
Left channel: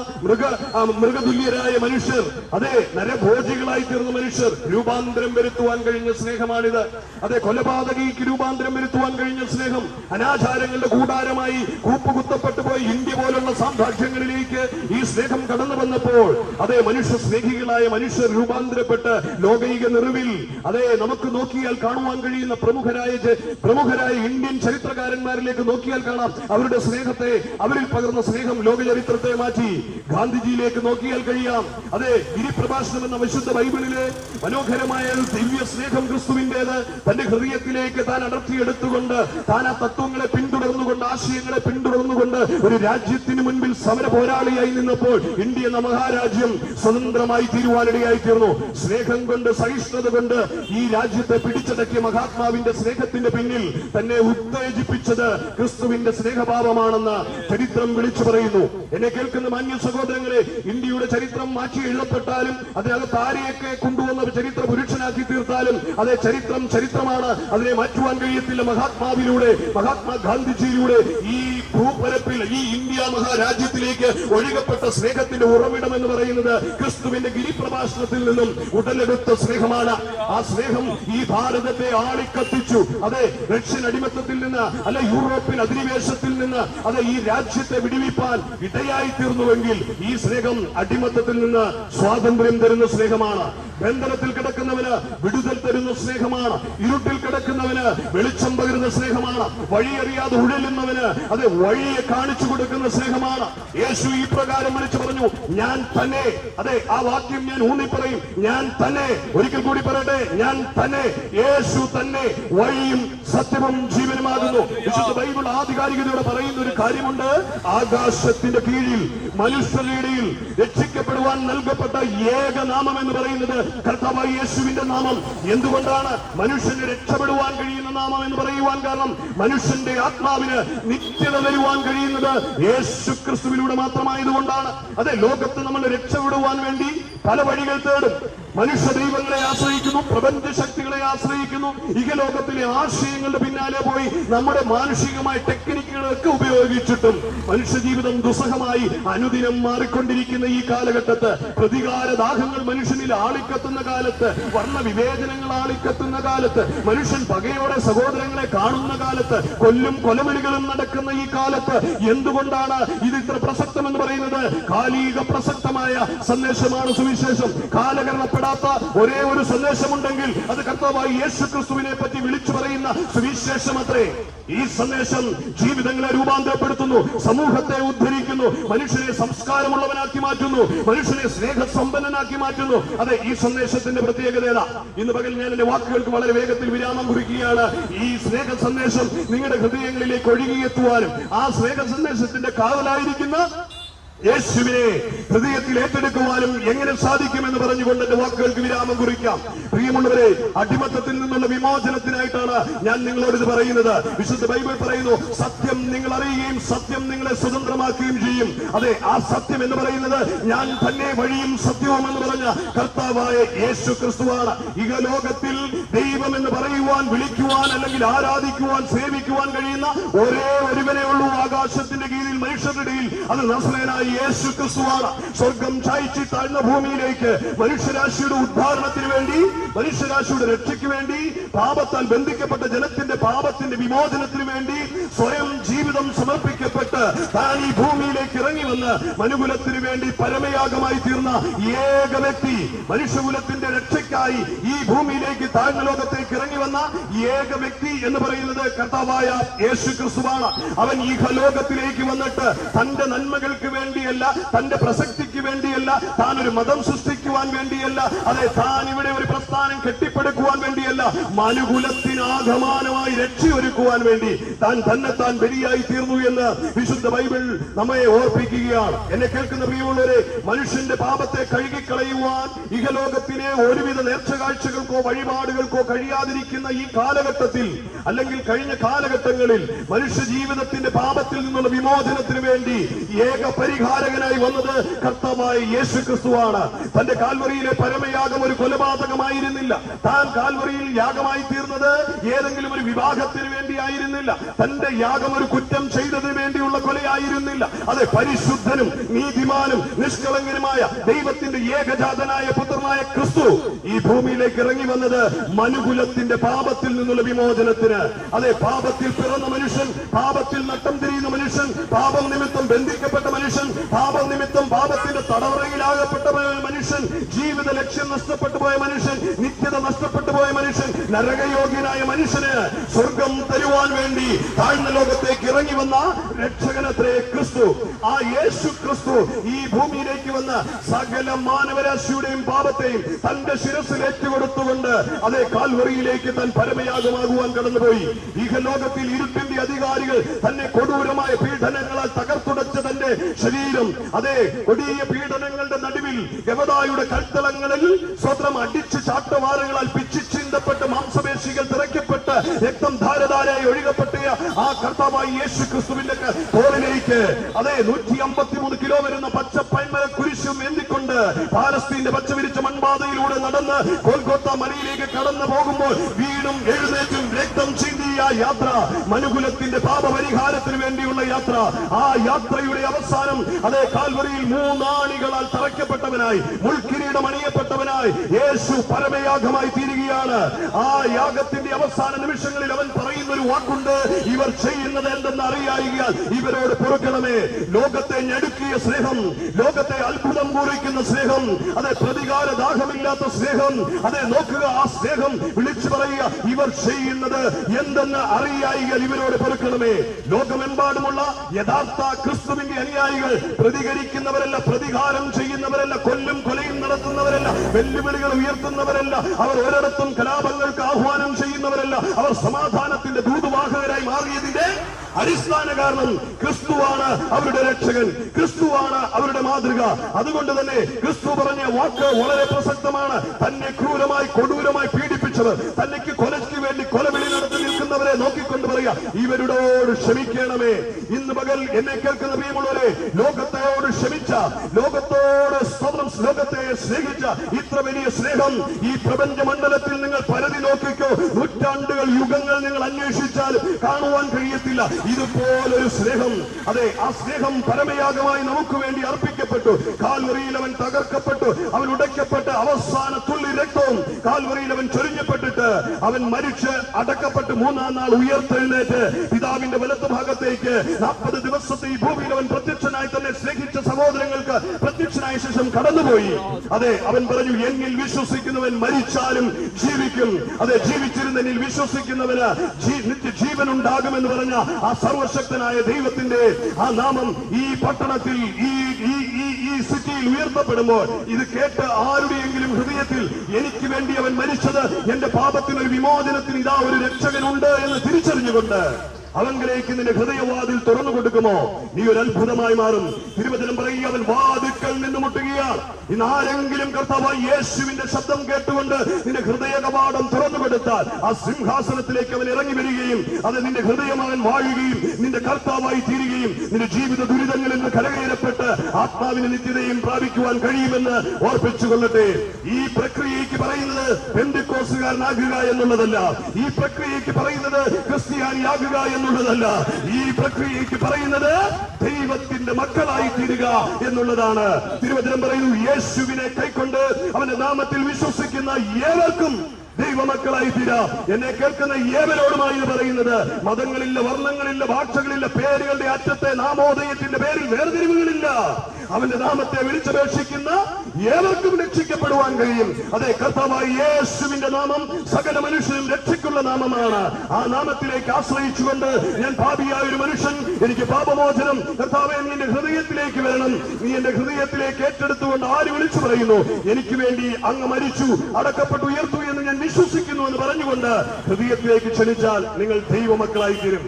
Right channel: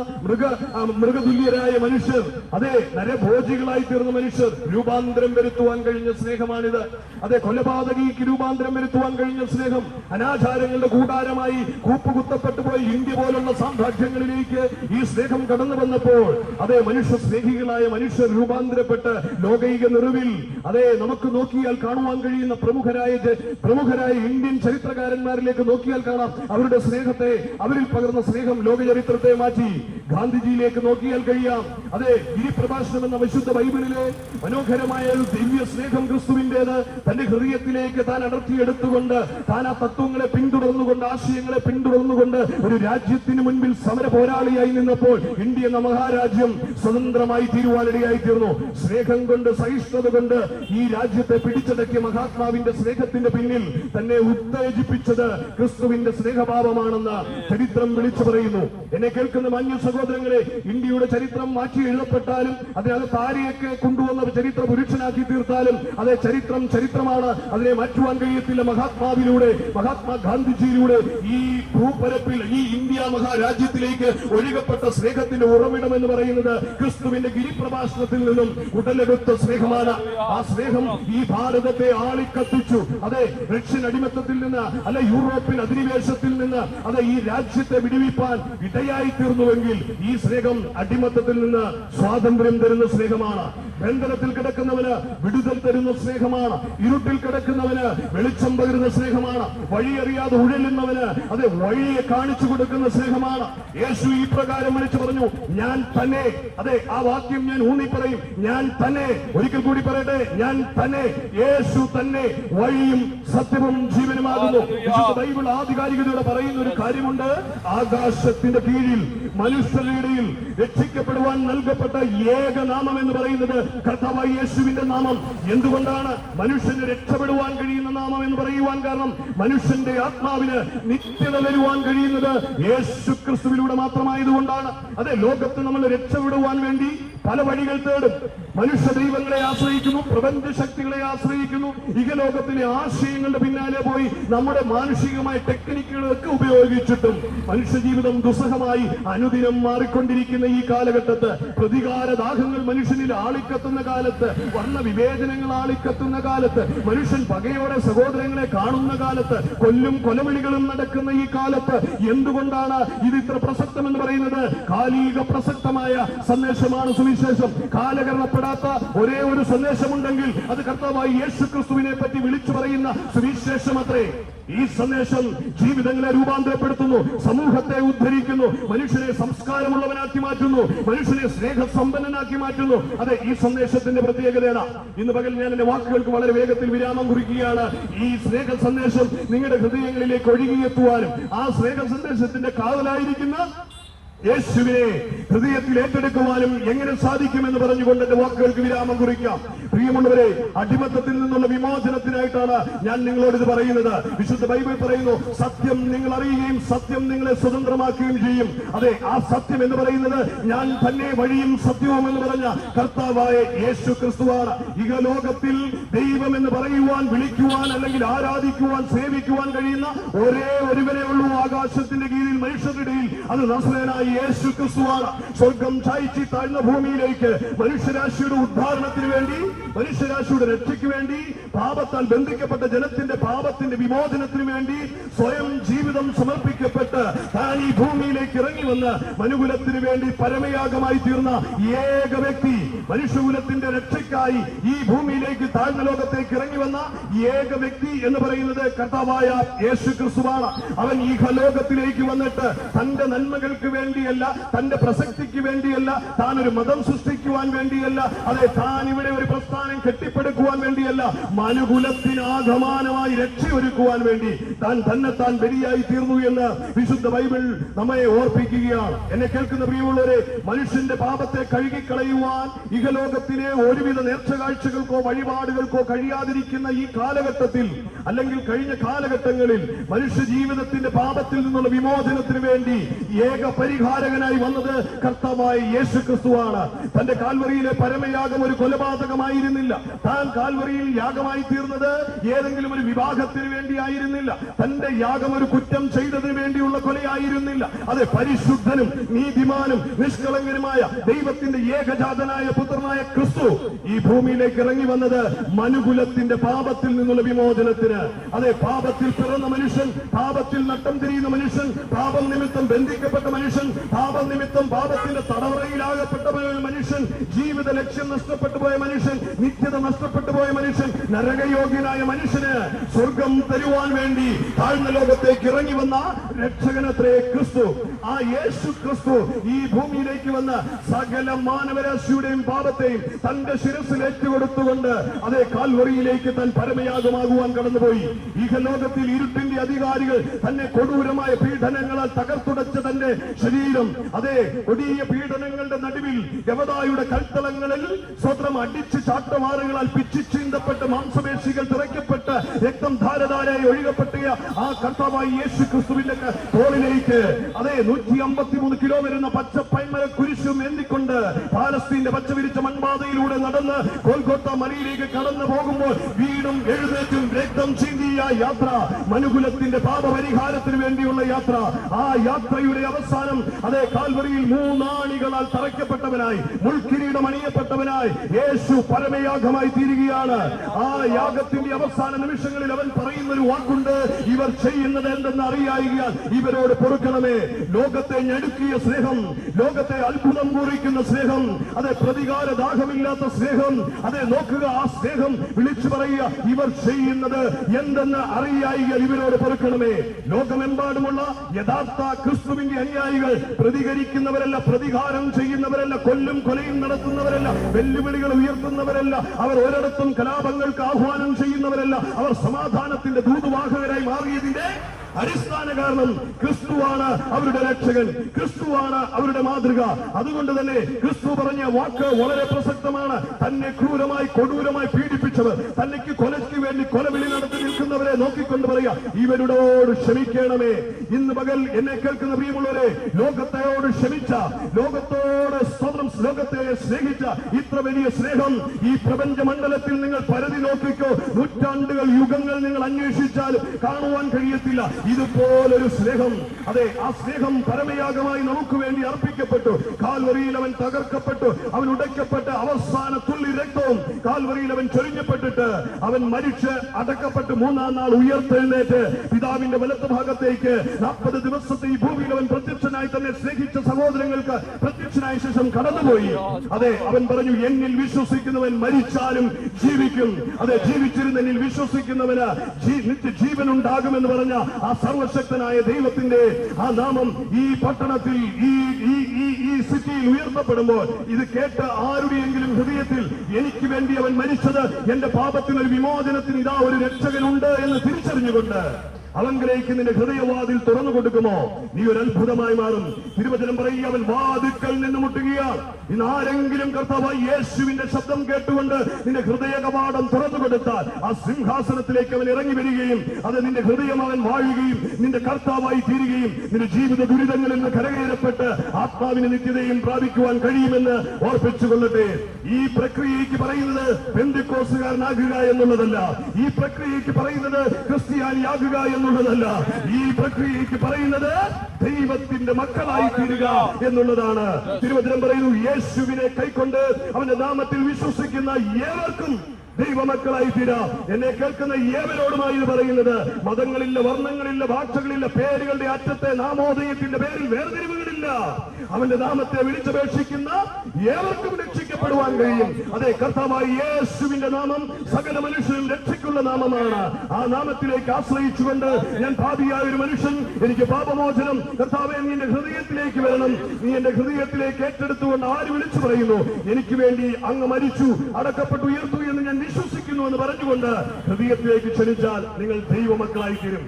മൃഗതുല്യരായ മനുഷ്യർ, അതെ, നരഭോജികളായി തീർന്ന മനുഷ്യർ രൂപാന്തരം വരുത്തുവാൻ കഴിഞ്ഞ സ്നേഹമാണിത്. അതെ, കൊലപാതകിക്ക് രൂപാന്തരം വരുത്തുവാൻ കഴിഞ്ഞ സ്നേഹം, അനാചാരങ്ങളുടെ കൂടാരമായി കൂപ്പുകുത്തപ്പെട്ടു പോയി ഇന്ത്യ പോലുള്ള സാമ്രാജ്യങ്ങളിലേക്ക് ഈ സ്നേഹം കടന്നു വന്നപ്പോൾ, അതെ, മനുഷ്യ സ്നേഹികളായ മനുഷ്യർ രൂപാന്തരപ്പെട്ട് ലോകൈക നിറവിൽ, അതെ, നമുക്ക് നോക്കിയാൽ കാണുവാൻ കഴിയുന്ന പ്രമുഖരായ ഇന്ത്യൻ ചരിത്രകാരന്മാരിലേക്ക് നോക്കിയാൽ കാണാം അവരുടെ സ്നേഹത്തെ, അവരിൽ പകർന്ന സ്നേഹം ലോകചരിത്രത്തെ മാറ്റി. ഗാന്ധിജിയിലേക്ക് നോക്കിയാൽ കഴിയാം, അതെ, ഗിരിപ്രഭാഷണം എന്ന വിശുദ്ധ ബൈബിളിലെ മനോഹരമായ ഒരു ദിവ്യ സ്നേഹം ക്രിസ്തുവിന്റേത് തന്റെ ഹൃദയത്തിലേക്ക് താൻ അടർത്തിയെടുത്തുകൊണ്ട് താൻ ആ തത്വങ്ങളെ പിന്തുടർന്നുകൊണ്ട്, ആശയങ്ങളെ പിന്തുടർന്നുകൊണ്ട് ഒരു രാജ്യത്തിന് മുൻപിൽ സമര പോരാളിയായി നിന്നപ്പോൾ ഇന്ത്യ എന്ന മഹാരാജ്യം സ്വതന്ത്രമായി തീരുവാനിടയായി തീർന്നു. സ്നേഹം കൊണ്ട്, സഹിഷ്ണുത കൊണ്ട് ഈ രാജ്യത്തെ പിടിച്ചടക്കിയ മഹാത്മാവിന്റെ സ്നേഹത്തിന്റെ പിന്നിൽ തന്നെ ഉത്തേജിപ്പിച്ചത് ക്രിസ്തുവിന്റെ സ്നേഹഭാവമാണെന്ന് ചരിത്രം വിളിച്ചു പറയുന്നു. എന്നെ കേൾക്കുന്ന മാന്യ സഹോദരങ്ങളെ, ഇന്ത്യയുടെ ചരിത്രം മാറ്റി എഴുതപ്പെട്ടാലും അതിനകത്ത് ആരെയൊക്കെ കൊണ്ടുവന്ന ചരിത്ര പുരുഷനാക്കി തീർത്താലും അതേ ചരിത്രം ചരിത്രമാണ്, അതിനെ മാറ്റുവാൻ കഴിയത്തില്ല. മഹാത്മാവിലൂടെ, മഹാത്മാ ഗാന്ധിജിയിലൂടെ ഈ ഭൂപരപ്പിൽ ഈ ഇന്ത്യ മഹാരാജ്യത്തിലേക്ക് ഒഴുകപ്പെട്ട സ്നേഹത്തിന്റെ ഉറവിടം എന്ന് പറയുന്നത് ക്രിസ്തുവിന്റെ ഗിരിപ്രഭാഷണത്തിൽ നിന്നും ഉടലെടുത്ത സ്നേഹമാണ്. ആ സ്നേഹം ഈ ഭാരതത്തെ ആളിക്കത്തിച്ചു. അതെ, റഷ്യൻ അടിമത്തത്തിൽ നിന്ന്, അല്ല യൂറോപ്യൻ അധിനിവേശത്തിൽ നിന്ന് അത് ഈ രാജ്യത്തെ വിടുവിപ്പാൻ ഇടയായി തീർന്നുവെങ്കിൽ ഈ സ്നേഹം അടിമത്തത്തിൽ നിന്ന് സ്വാതന്ത്ര്യം തരുന്ന സ്നേഹമാണ്. ബന്ധനത്തിൽ കിടക്കുന്നവന് വിടുതൽ തരുന്ന സ്നേഹമാണ്. ഇരുട്ടിൽ കിടക്കുന്നവന് വെളിച്ചം പകരുന്ന സ്നേഹമാണ്. വഴിയറിയാതെ ഉഴലുന്നവന് അത് വഴിയെ കാണിച്ചു കൊടുക്കുന്ന സ്നേഹമാണ്. യേശു ഈ പ്രകാരം വിളിച്ചു പറഞ്ഞു, ഞാൻ തന്നെ. അതെ, ആ വാക്യം ഞാൻ ഊന്നി പറയും, ഞാൻ തന്നെ. ഒരിക്കൽ കൂടി പറയട്ടെ, ഞാൻ തന്നെ. യേശു തന്നെ വഴിയും സത്യവും ജീവനുമാകുന്നു. വിശുദ്ധ ബൈബിൾ ആധികാരികതയോടെ പറയുന്ന ഒരു കാര്യമുണ്ട്. ആകാശത്തിന്റെ കീഴിൽ മനുഷ്യരുടെ ഇടയിൽ രക്ഷിക്കപ്പെടുവാൻ നൽകപ്പെട്ട ഏക നാമം എന്ന് പറയുന്നത് കർത്താവായ യേശുവിന്റെ നാമം. എന്തുകൊണ്ടാണ് മനുഷ്യന് രക്ഷപ്പെടുവാൻ കഴിയുന്ന നാമം എന്ന് പറയുവാൻ കാരണം? മനുഷ്യന്റെ ആത്മാവിന് നിത്യത വരുവാൻ കഴിയുന്നത് യേശു ക്രിസ്തുവിലൂടെ മാത്രമായതുകൊണ്ടാണ്. അതെ, ലോകത്ത് നമ്മൾ രക്ഷപ്പെടുവാൻ വേണ്ടി പല വഴികൾ തേടും. മനുഷ്യ ദൈവങ്ങളെ ആശ്രയിക്കുന്നു, പ്രപഞ്ച ശക്തികളെ ആശ്രയിക്കുന്നു, ഇഹലോകത്തിലെ ആശയങ്ങളുടെ പിന്നാലെ പോയി നമ്മുടെ മാനുഷികമായ ടെക്നിക്കുകളൊക്കെ ഉപയോഗിച്ചിട്ടും മനുഷ്യജീവിതം ദുസ്സഹമായി അനുദിനം മാറിക്കൊണ്ടിരിക്കുന്ന ഈ കാലഘട്ടത്ത്, പ്രതികാര ദാഹങ്ങൾ മനുഷ്യനിൽ ആളിക്കത്തുന്ന കാലത്ത്, വർണ്ണവിവേചനങ്ങൾ ആളിക്കത്തുന്ന കാലത്ത്, മനുഷ്യൻ പകയോടെ സഹോദരങ്ങളെ കാണുന്ന കാലത്ത്, കൊല്ലും കൊലവിളികളും നടക്കുന്ന ഈ കാലത്ത് എന്തുകൊണ്ടാണ് ഇത് ഇത്ര പ്രസക്തമെന്ന് പറയുന്നത്? കാലിക പ്രസക്തമായ സന്ദേശമാണ് സുവിശേഷം. കാലകരണപ്പെടാത്ത ഒരേ ഒരു സന്ദേശമുണ്ടെങ്കിൽ അത് കർത്താവായ യേശു ക്രിസ്തുവിനെ പറ്റി വിളിച്ചു പറയുന്ന സുവിശേഷം അത്രേ. ഈ സന്ദേശം ജീവിതങ്ങളെ രൂപാന്തരപ്പെടുത്തുന്നു, സമൂഹത്തെ ഉദ്ധരിക്കുന്നു, മനുഷ്യനെ സംസ്കാരമുള്ളവനാക്കി മാറ്റുന്നു, മനുഷ്യനെ സ്നേഹസമ്പന്നനാക്കി മാറ്റുന്നു. അതെ, ഈ സന്ദേശത്തിന്റെ പ്രത്യേകതയാണ്. ഇന്ന് പകൽ ഞാൻ എന്റെ വാക്കുകൾക്ക് വളരെ വേഗത്തിൽ വിരാമം കുറിക്കുകയാണ്. ഈ സ്നേഹ സന്ദേശം നിങ്ങളുടെ ഹൃദയങ്ങളിലേക്ക് ഒഴുകിയെത്തുവാനും ആ സ്നേഹ സന്ദേശത്തിന്റെ കാവലായിരിക്കുന്ന യേശുവിനെ ഹൃദയത്തിൽ ഏറ്റെടുക്കുവാനും എങ്ങനെ സാധിക്കുമെന്ന് പറഞ്ഞുകൊണ്ട് എന്റെ വാക്കുകൾക്ക് വിരാമം കുറിക്കാം. പ്രിയമുള്ളവരെ, അടിമത്തത്തിൽ നിന്നുള്ള വിമോചനത്തിനായിട്ടാണ് ഞാൻ നിങ്ങളോട് ഇത് പറയുന്നത്. വിശുദ്ധ ബൈബിൾ പറയുന്നു, സത്യം നിങ്ങൾ അറിയുകയും സത്യം നിങ്ങളെ സ്വതന്ത്രമാക്കുകയും ചെയ്യും. അതെ, ആ സത്യം എന്ന് പറയുന്നത് ഞാൻ തന്നെ വഴിയും സത്യവും എന്ന് പറഞ്ഞ കർത്താവായ യേശു ക്രിസ്തുവാണ്. ഇഹലോകത്തിൽ ദൈവം എന്ന് പറയുവാൻ, വിളിക്കുവാൻ, അല്ലെങ്കിൽ ആരാധിക്കുവാൻ, സേവിക്കുവാൻ കഴിയുന്ന ഒരേ ഒരുവനെ ഉള്ളൂ ആകാശത്തിന്റെ കീഴിൽ മനുഷ്യരുടെ ഇടയിൽ. അത് നസ്രയനായ യേശു ക്രിസ്തുവാണ്. സ്വർഗം ചായ്ച്ചി താഴ്ന്ന ഭൂമിയിലേക്ക് മനുഷ്യരാശിയുടെ ഉദ്ധാരണത്തിന് വേണ്ടി, മനുഷ്യരാശിയുടെ രക്ഷയ്ക്ക് വേണ്ടി, പാപത്താൽ ബന്ധിക്കപ്പെട്ട ജനത്തിന്റെ പാപത്തിന്റെ വിമോചനത്തിന് വേണ്ടി സ്വയം ജീവിതം സമർപ്പിക്കപ്പെട്ട് താൻ ഈ ഭൂമിയിലേക്ക് ഇറങ്ങി വന്ന് മനുകുലത്തിന് വേണ്ടി പരമയാഗമായി തീർന്ന ഏക വ്യക്തി, മനുഷ്യകുലത്തിന്റെ രക്ഷയ്ക്കായി ഈ ഭൂമിയിലേക്ക് താഴ്ന്ന ലോകത്തേക്ക് ഇറങ്ങി വന്ന ഏക വ്യക്തി എന്ന് പറയുന്നത് കർത്താവായ യേശു ക്രിസ്തുവാണ്. അവൻ ഈ ലോകത്തിലേക്ക് വന്നിട്ട് തന്റെ നന്മകൾക്ക് വേണ്ടിയല്ല, തന്റെ പ്രസക്തിക്ക് വേണ്ടിയല്ല, താൻ ഒരു മതം സൃഷ്ടിക്കുവാൻ വേണ്ടിയല്ല, അതെ, താൻ ഇവിടെ ഒരു പ്രസ്ഥാനം കെട്ടിപ്പടുക്കുവാൻ വേണ്ടിയല്ല, മനുകുലത്തിന് ആഗമാനമായി രക്ഷയൊരുക്കുവാൻ വേണ്ടി താൻ തന്നെത്താൻ ബലിയായി തീർന്നു എന്ന് വിശുദ്ധ ബൈബിൾ നമ്മെ ഓർപ്പിക്കുകയാണ്. എന്നെ കേൾക്കുന്ന പ്രിയമുള്ളവരെ, മനുഷ്യന്റെ പാപത്തെ കഴുകിക്കളയുവാൻ ഇഹലോകത്തിനെ ഒരുവിധ നേർച്ചകാഴ്ചകൾക്കോ വഴിപാടുകൾക്കോ കഴിയാതിരിക്കുന്ന ഈ കാലഘട്ടത്തിൽ, അല്ലെങ്കിൽ കഴിഞ്ഞ കാലഘട്ടങ്ങളിൽ മനുഷ്യ ജീവിതത്തിന്റെ പാപത്തിൽ നിന്നുള്ള വിമോചനത്തിന് വേണ്ടി ഏക പരിഹാരകനായി വന്നത് കർത്താവായ യേശു ക്രിസ്തുവാണ്. തന്റെ കാൽവറിയിലെ പരമയാഗം ഒരു കൊലപാതകമായിരുന്നില്ല. താൻ കാൽവറിയിൽ യാഗമായി തീർന്നത് ഏതെങ്കിലും ഒരു വിവാഹത്തിന് വേണ്ടിയായിരുന്നില്ല. തന്റെ യാഗം ഒരു കുറ്റം ചെയ്തതിന് വേണ്ടിയുള്ള കൊലയായിരുന്നില്ല. അതെ, പരിശുദ്ധനും നീതിമാനും നിഷ്കളങ്കനുമായ ദൈവത്തിന്റെ ഏകജാതനായ പുത്രനായ ക്രിസ്തു ഈ ഭൂമിയിലേക്ക് ഇറങ്ങി വന്നത് മനുകുലത്തിന്റെ പാപത്തിൽ നിന്നുള്ള വിമോചനത്തിന്. അതെ, പാപത്തിൽ പിറന്ന മനുഷ്യൻ, പാപത്തിൽ നട്ടം തിരിയുന്ന മനുഷ്യൻ, പാപം നിമിത്തം ബന്ധിക്കപ്പെട്ട മനുഷ്യൻ, പാപം നിമിത്തം പാപത്തിന്റെ തടവറയിലാകപ്പെട്ട മനുഷ്യൻ, ജീവിത ലക്ഷ്യം നഷ്ടപ്പെട്ടു പോയ മനുഷ്യൻ, നിത്യത നഷ്ടപ്പെട്ടു പോയ മനുഷ്യൻ, നരകയോഗ്യനായ മനുഷ്യന് സ്വർഗം തരുവാൻ വേണ്ടി താഴ്ന്ന ലോകത്തേക്ക് ഇറങ്ങി വന്ന രക്ഷകനത്രേ ക്രിസ്തു. ആ യേശു ക്രിസ്തു ഈ ഭൂമിയിലേക്ക് വന്ന് സകല മാനവരാശിയുടെയും പാപത്തെയും തന്റെ ശിരസിൽ ഏറ്റുകൊടുത്തുകൊണ്ട് അതേ കാൽവറിയിലേക്ക് താൻ പരമയാഗമാകുവാൻ കടന്നുപോയി. ഇഹലോകത്തിൽ ഇരുട്ടിന്റെ അധികാരികൾ തന്നെ കൊടൂരമായ പീഡനങ്ങളാൽ തകർത്തുടച്ച തന്റെ ശരീരം, അതേ കൊടിയ പീഡനങ്ങളുടെ നടുവിൽ കാൽവരിയിൽ യഹൂദായുടെ കൽത്തളങ്ങളിൽ സ്വത്രം അടിച്ച് ചാട്ടവാറുകളാൽ പിച്ചു ചിന്തപ്പെട്ട് മാംസപേശികൾ തിറയ്ക്കപ്പെട്ട് രക്തം ധാരധാരയായി ഒഴുകപ്പെട്ട ആ കർത്താവായ യേശു ക്രിസ്തുവിന്റെ തോളിലേക്ക് 153 കിലോ വരുന്ന പച്ച പൈൻമര കുരിശും എന്തിക്കൊണ്ട് പാലസ്തീന്റെ പച്ചവിരിച്ച മൺപാതയിലൂടെ നടന്ന് ഗോൽഗോത്ത മലയിലേക്ക് കടന്നു പോകുമ്പോൾ വീണും എഴുന്നേറ്റും രക്തം ചിന്തിയ യാത്ര, മനുകുലത്തിന്റെ പാപപരിഹാരത്തിന് വേണ്ടിയുള്ള യാത്ര, ആ യാത്രയുടെ അവസാനം കാൽവരിയിൽ 3 ആണികളാൽ തറയ്ക്കപ്പെട്ടവനായി മുൾക്കിരീടം അണിയപ്പെട്ടവനായി യേശു പരമയാഗമായി തീരുകയാണ്. ആ യാഗത്തിന്റെ അവസാന നിമിഷങ്ങളിൽ അവൻ പറയുന്ന ഒരു വാക്കുണ്ട്, ഇവർ ചെയ്യുന്നത് എന്തെന്ന് അറിയായികയാൽ ഇവരോട് പൊറുക്കണമേ. ലോകത്തെ ഞെടുക്കിയ സ്നേഹം, ലോകത്തെ അത്ഭുതം കുറിക്കുന്ന സ്നേഹം, പ്രതികാര ദാഹമില്ലാത്ത സ്നേഹം, നോക്കുക, ആ സ്നേഹം വിളിച്ചു പറയുക, ഇവർ ചെയ്യുന്നത് എന്തെന്ന് അറിയായികയാൽ ഇവരോട് പൊറുക്കണമേ. ലോകമെമ്പാടുമുള്ള യഥാർത്ഥ ക്രിസ്തുവിന്റെ അനുയായികൾ പ്രതികരിക്കുന്നവരല്ല, പ്രതികാരം ചെയ്യുന്നവരല്ല, കൊല്ലും കൊലയും നടത്തുന്നവരല്ല, വെല്ലുവിളികൾ ഉയർത്തുന്നവരല്ല, അവർ ഒരിടത്തും കലാപങ്ങൾക്ക് ആഹ്വാനം ചെയ്യുന്നവരല്ല. അവർ സമാധാനത്തിന്റെ ദൂതുവാഹകരായി മാറിയതിന്റെ അടിസ്ഥാന കാരണം ക്രിസ്തുവാണ് അവരുടെ രക്ഷകൻ, ക്രിസ്തുവാണ് അവരുടെ മാതൃക. അതുകൊണ്ട് തന്നെ ക്രിസ്തു പറഞ്ഞ വാക്ക് വളരെ പ്രസക്തമാണ്. തന്നെ ക്രൂരമായി കൊടൂരമായി പീഡിപ്പിച്ചവർ, തനിക്ക് കൊലയ്ക്ക് വേണ്ടി കൊലവിളി നടത്തി നിൽക്കുന്നവരെ നോക്കിക്കൊണ്ട് പറയാ, ഇവരോട് ക്ഷമിക്കണമേ. ഇന്ന് പകൽ എന്നെ കേൾക്കുന്ന പ്രിയമുള്ളവരെ, ലോകത്തോട് ക്ഷമിച്ച, ലോകത്തെ സ്നേഹിച്ച ഇത്ര വലിയ സ്നേഹം ഈ പ്രപഞ്ച മണ്ഡലത്തിൽ നിങ്ങൾ പരതി നോക്കിക്കോ, നൂറ്റാണ്ടുകൾ യുഗങ്ങൾ നിങ്ങൾ അന്വേഷിച്ചാലും കാണുവാൻ കഴിയത്തില്ല ഇതുപോലൊരു സ്നേഹം. ആ സ്നേഹം പരമയാഗമായി നമുക്ക് വേണ്ടി അർപ്പിക്കപ്പെട്ടു. കാൽവരിയിൽ അവൻ തകർക്കപ്പെട്ടു, അവൻ ഉടയ്ക്കപ്പെട്ട് അവസാന തുള്ളി രക്തവും കാൽവരിയിൽ അവൻ ചൊരിഞ്ഞപ്പെട്ടിട്ട് അവൻ മരിച്ച് അടക്കപ്പെട്ട് 3-ാം നാൾ ഉയർത്തെഴുന്നേറ്റ് പിതാവിന്റെ വലത്ത് ഭാഗത്തേക്ക് 40 ദിവസത്തെ ഈ ഭൂമിയിൽ അവൻ പ്രത്യക്ഷനായി തന്നെ സ്നേഹിച്ച സഹോദരങ്ങൾക്ക് പ്രത്യക്ഷനായ ശേഷം കടന്നുപോയി. അവൻ പറഞ്ഞു, എന്നിൽ വിശ്വസിക്കുന്നവൻ മരിച്ചാലും ജീവിക്കും. ജീവിച്ചിരുന്ന എന്നിൽ വിശ്വസിക്കുന്നവന് നിത്യജീവൻ ഉണ്ടാകുമെന്ന് പറഞ്ഞ ആ സർവശക്തനായ ദൈവത്തിന്റെ ആ നാമം ഈ പട്ടണത്തിൽ, ഈ സിറ്റിയിൽ ഉയർത്തപ്പെടുമ്പോൾ ഇത് കേട്ട് ആരുടെയെങ്കിലും ഹൃദയത്തിൽ എനിക്ക് വേണ്ടി അവൻ മരിച്ചത് എന്റെ പാപത്തിനൊരു വിമോചനത്തിന് ഇതാ ഒരു രക്ഷകനുണ്ട് എന്ന് തിരിച്ചറിഞ്ഞുകൊണ്ട് അവങ്കിലേക്ക് നിന്റെ ഹൃദയവാതിൽ തുറന്നു കൊടുക്കുമോ, നീ ഒരു അത്ഭുതമായി മാറും. തിരുവചനം പറയുക, അവൻ വാതിൽക്കൽ നിന്ന് മുട്ടുകയാണ്. ഇന്ന് ആരെങ്കിലും കർത്താവായ യേശുവിന്റെ ശബ്ദം കേട്ടുകൊണ്ട് നിന്റെ ഹൃദയ കവാടം തുറന്നു കൊടുത്താൽ ആ സിംഹാസനത്തിലേക്ക് അവൻ ഇറങ്ങി വരികയും നിന്റെ ഹൃദയം അവൻ വാഴുകയും നിന്റെ കർത്താവായി തീരുകയും നിന്റെ ജീവിത ദുരിതങ്ങളിൽ നിന്ന് കരകയറപ്പെട്ട് ആത്മാവിന് നിത്യതയും പ്രാപിക്കുവാൻ കഴിയുമെന്ന് ഓർപ്പിച്ചുകൊള്ളട്ടെ. ഈ പ്രക്രിയയ്ക്ക് പറയുന്നത് പെന്തക്കോസ്തുകാരനാകുക എന്നുള്ളതല്ല, ഈ പ്രക്രിയയ്ക്ക് പറയുന്നത് ക്രിസ്ത്യാനിയാകുക എന്നുള്ളതല്ല, ഈ പ്രക്രിയയ്ക്ക് പറയുന്നത് ദൈവത്തിന്റെ മക്കളായി തീരുക എന്നുള്ളതാണ്. തിരുവചനം പറയുന്നു, യേശുവിനെ കൈക്കൊണ്ട് അവന്റെ നാമത്തിൽ വിശ്വസിക്കുന്ന ഏവർക്കും ദൈവമക്കളായി തീരാം. എന്നെ കേൾക്കുന്ന ഏവരോടുമായി ഇത് പറയുന്നത്, മതങ്ങളില്ല, വർണ്ണങ്ങളില്ല, ഭാഷകളില്ല, പേരുകളുടെ അറ്റത്തെ നാമോദയത്തിന്റെ പേരിൽ വേർതിരിവുകളില്ല. അവന്റെ നാമത്തെ വിളിച്ചപേക്ഷിക്കുന്ന ഏവർക്കും രക്ഷിക്കപ്പെടുവാൻ കഴിയും. കർത്താവായ യേശുവിന്റെ നാമം സകല മനുഷ്യനും രക്ഷയ്ക്കുള്ള നാമമാണ്. ആ നാമത്തിലേക്ക് ആശ്രയിച്ചുകൊണ്ട് ഞാൻ പാപിയായ ഒരു മനുഷ്യൻ, എനിക്ക് പാപമോചനം, കർത്താവേ നീ എന്റെ ഹൃദയത്തിലേക്ക് വരണം, നീ എന്റെ ഹൃദയത്തിലേക്ക് ഏറ്റെടുത്തുകൊണ്ട് ആര് വിളിച്ചു പറയുന്നു, എനിക്ക് വേണ്ടി അങ്ങ് മരിച്ചു, അടക്കപ്പെട്ടു, ഉയർത്തു എന്ന് ഞാൻ വിശ്വസിക്കുന്നു എന്ന് പറഞ്ഞുകൊണ്ട് ഹൃദയത്തിലേക്ക് ക്ഷണിച്ചാൽ നിങ്ങൾ ദൈവമക്കളായി തീരും.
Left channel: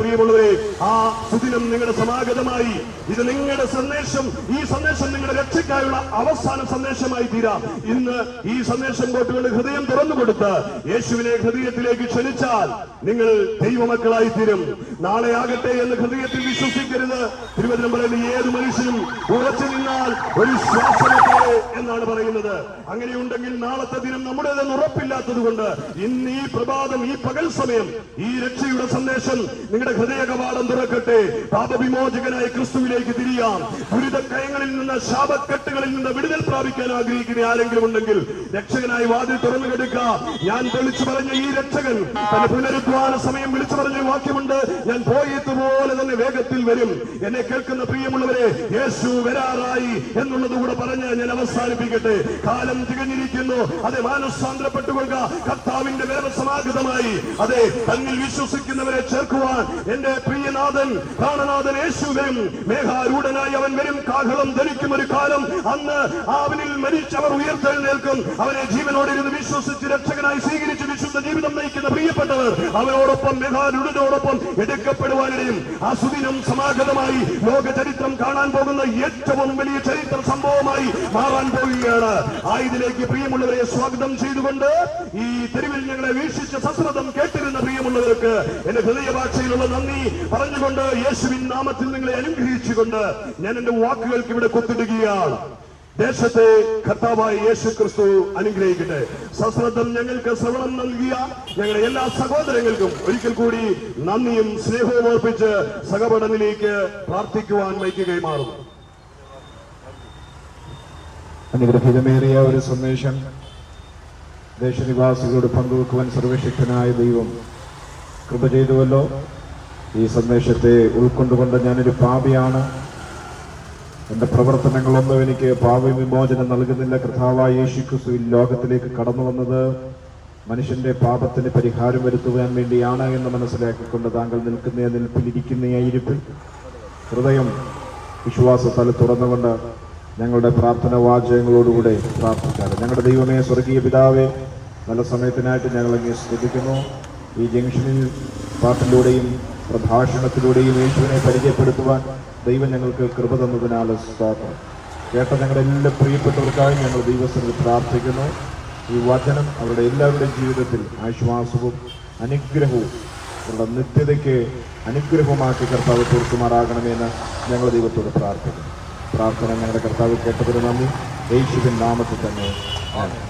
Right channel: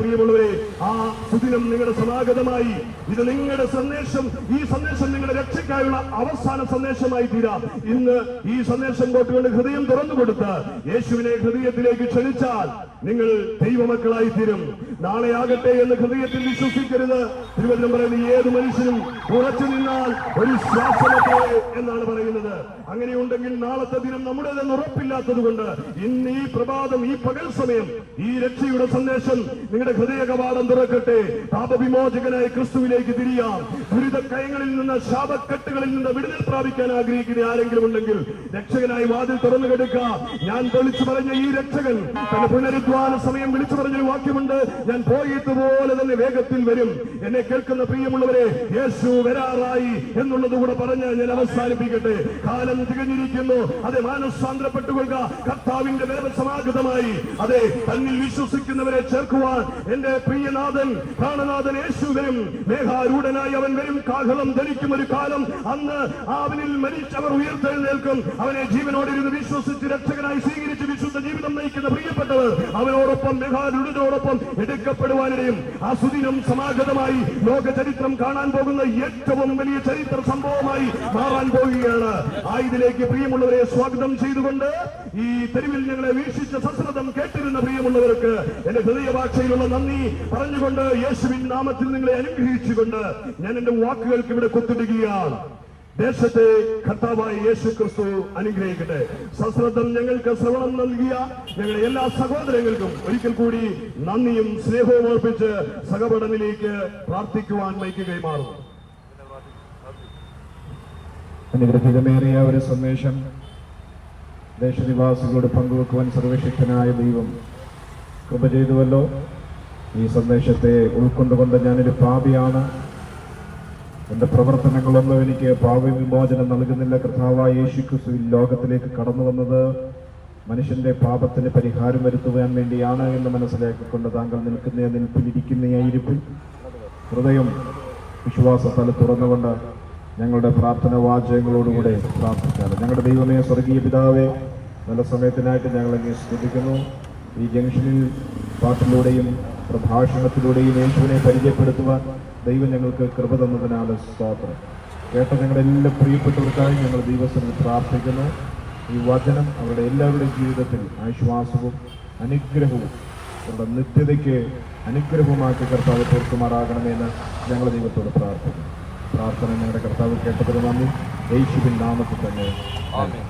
പ്രിയമുള്ളവരെ, ആ സുദിനം നിങ്ങളുടെ സമാഗതമായി, ഇത് നിങ്ങളുടെ സന്ദേശം, ഈ സന്ദേശം നിങ്ങളുടെ രക്ഷയ്ക്കായുള്ള അവസാന സന്ദേശമായി തീരാം. ഇന്ന് ഈ സന്ദേശം കേട്ടുകൊണ്ട് ഹൃദയം തുറന്നു കൊടുത്ത് യേശുവിനെ ഹൃദയത്തിലേക്ക് ക്ഷണിച്ചാൽ നിങ്ങൾ ദൈവമക്കളായി തീരും. നാളെ ആകട്ടെ എന്ന് ഹൃദയത്തിൽ വിശ്വസിക്കരുത്. തിരുവചനം പറയുന്നത്, ഏത് മനുഷ്യനും ഉറച്ചു നിന്നാൽ ഒരു ശ്വാസമൊക്കെ എന്നാണ് പറയുന്നത്. അങ്ങനെയുണ്ടെങ്കിൽ നാളത്തെ ദിനം നമ്മുടേതെന്ന് ഉറപ്പില്ലാത്തത് കൊണ്ട് ഇന്ന് ഈ പ്രഭാതം, ഈ പകൽ സമയം ഈ രക്ഷയുടെ സന്ദേശം നിങ്ങളുടെ ഹൃദയ കവാടം തുറക്കട്ടെ. പാപവിമോചകനായ ക്രിസ്തുവിലേക്ക് തിരിയാം. ദുരിതക്കയങ്ങളിൽ നിന്ന്, ശാപക്കെട്ടുകളിൽ നിന്ന് വിടുതൽ പ്രാപിക്കാൻ ആഗ്രഹിക്കുന്ന ആരെങ്കിലും ഉണ്ടെങ്കിൽ രക്ഷകനായി വാതിൽ തുറന്നു കിടക്കാം. ഞാൻ വിളിച്ചു പറഞ്ഞ ഈ രക്ഷകൻ തന്റെ പുനരുദ്ധാന സമയം വിളിച്ചു പറഞ്ഞ വാക്യമുണ്ട്, ഞാൻ പോയതുപോലെ തന്നെ വേഗത്തിൽ വരും. എന്നെ കേൾക്കുന്ന പ്രിയമുള്ളവരെ, യേശു വരാറായി എന്നുള്ളത് കൂടെ പറഞ്ഞ് ഞാൻ അവസാനിപ്പിക്കട്ടെ. കാലം തികഞ്ഞിരിക്കുന്നു. മാനസാന്തരപ്പെട്ടുകൊള്ളുക. കർത്താവിന്റെ വേറെ സമാഗതമായി തന്നിൽ വിശ്വസിക്കുന്നവരെ ചേർക്കുവാൻ എന്റെ പ്രിയനാഥൻ, പ്രാണനാഥൻ യേശു വരും. മേഘാരൂഢനായി അവൻ വരും. കാഹളം ധരിക്കും ഒരു കാലം. അന്ന് അവനിൽ മരിച്ചവർ ഉയർത്തെഴുന്നേൽക്കും. അവനെ ജീവനോടിരുന്ന് വിശ്വസിച്ച് രക്ഷകനായി സ്വീകരിച്ച് വിശുദ്ധ ജീവിതം നയിക്കുന്ന പ്രിയപ്പെട്ടവർ അവനോടൊപ്പം, മേഘാരൂഢനോടൊപ്പം എടുക്കപ്പെടുവാനിടയും ആ സുദിനം സമാഗതമായി ലോക ചരിത്രം കാണാൻ പോകുന്ന ഏറ്റവും വലിയ ചരിത്ര സംഭവമായി മാറാൻ പോവുകയാണ്. ആയതിലേക്ക് പ്രിയമുള്ളവരെ സ്വാഗതം ചെയ്തുകൊണ്ട് ഈ തെരുവിൽ ഞങ്ങളെ വീക്ഷിച്ച സശ്രദ്ധം കേട്ടിരുന്ന പ്രിയമുള്ളവർക്ക് എന്റെ ഹൃദയഭാഷയിലുള്ള നന്ദി പറഞ്ഞുകൊണ്ട് യേശുവിൻ നാമത്തിൽ നിങ്ങളെ അനുഗ്രഹിച്ചുകൊണ്ട് ഞാൻ എന്റെ വാക്കുകൾക്ക് ഇവിടെ കൊത്തിടുകയാണ്. ദേശത്തെ കർത്താവായ യേശു ക്രിസ്തു അനുഗ്രഹിക്കട്ടെ. സശ്രദ്ധം ഞങ്ങൾക്ക് ശ്രവണം നൽകിയ ഞങ്ങളുടെ എല്ലാ സഹോദരങ്ങൾക്കും ഒരിക്കൽ കൂടി നന്ദിയും സ്നേഹവും അർപ്പിച്ച് സഹപഠനിലേക്ക് പ്രാർത്ഥിക്കുവാൻ മൈക്ക് കൈമാറുന്നു. അനുഗ്രഹീതമേറിയ ഒരു സന്ദേശം ദേശനിവാസികളോട് പങ്കുവെക്കുവാൻ സർവശക്തനായ ദൈവം കൃപ ചെയ്തുവല്ലോ. ഈ സന്ദേശത്തെ ഉൾക്കൊണ്ടുകൊണ്ട് ഞാനൊരു പാപിയാണ്, എൻ്റെ പ്രവർത്തനങ്ങളൊന്നും എനിക്ക് പാപവിമോചനം നൽകുന്നില്ല. കർത്താവായ യേശു ക്രിസ്തു ലോകത്തിലേക്ക് കടന്നു വന്നത് മനുഷ്യന്റെ പാപത്തിന് പരിഹാരം വരുത്തുവാൻ വേണ്ടിയാണ് എന്ന് മനസ്സിലാക്കിക്കൊണ്ട് താങ്കൾ നിൽക്കുന്ന നിൽപ്പിലിരിക്കുന്ന ആ ഇരിപ്പിൽ ഹൃദയം വിശ്വാസത്താൽ തുറന്നുകൊണ്ട് ഞങ്ങളുടെ പ്രാർത്ഥന വാചകങ്ങളോടുകൂടെ പ്രാർത്ഥിക്കാം. ഞങ്ങളുടെ ദൈവമേ, സ്വർഗീയ പിതാവേ, നല്ല സമയത്തിനായിട്ട് ഞങ്ങൾ അങ്ങ് സ്തുതിക്കുന്നു. ഈ ജംഗ്ഷനിൽ പാട്ടിലൂടെയും പ്രഭാഷണത്തിലൂടെയും യേശുവിനെ പരിചയപ്പെടുത്തുവാൻ ദൈവം ഞങ്ങൾക്ക് കൃപ തന്നതിനാൽ സ്തോത്രം. കേട്ട ഞങ്ങളുടെ എല്ലാ പ്രിയപ്പെട്ടവർക്കായി ഞങ്ങൾ ദൈവസ്ഥനിൽ പ്രാർത്ഥിക്കുന്നു. ഈ വചനം അവരുടെ എല്ലാവരുടെയും ജീവിതത്തിൽ ആശ്വാസവും അനുഗ്രഹവും അവരുടെ നിത്യതയ്ക്ക് അനുഗ്രഹമാക്കി കർത്താവ് തീർക്കുമാറാകണമെന്ന് ഞങ്ങൾ ദൈവത്തോട് പ്രാർത്ഥിക്കുന്നു. പ്രാർത്ഥന ഞങ്ങളുടെ കർത്താവ് കേട്ടതിന് നന്ദി. യേശുവിൻ നാമത്തിൽ തന്നെ ആമേൻ.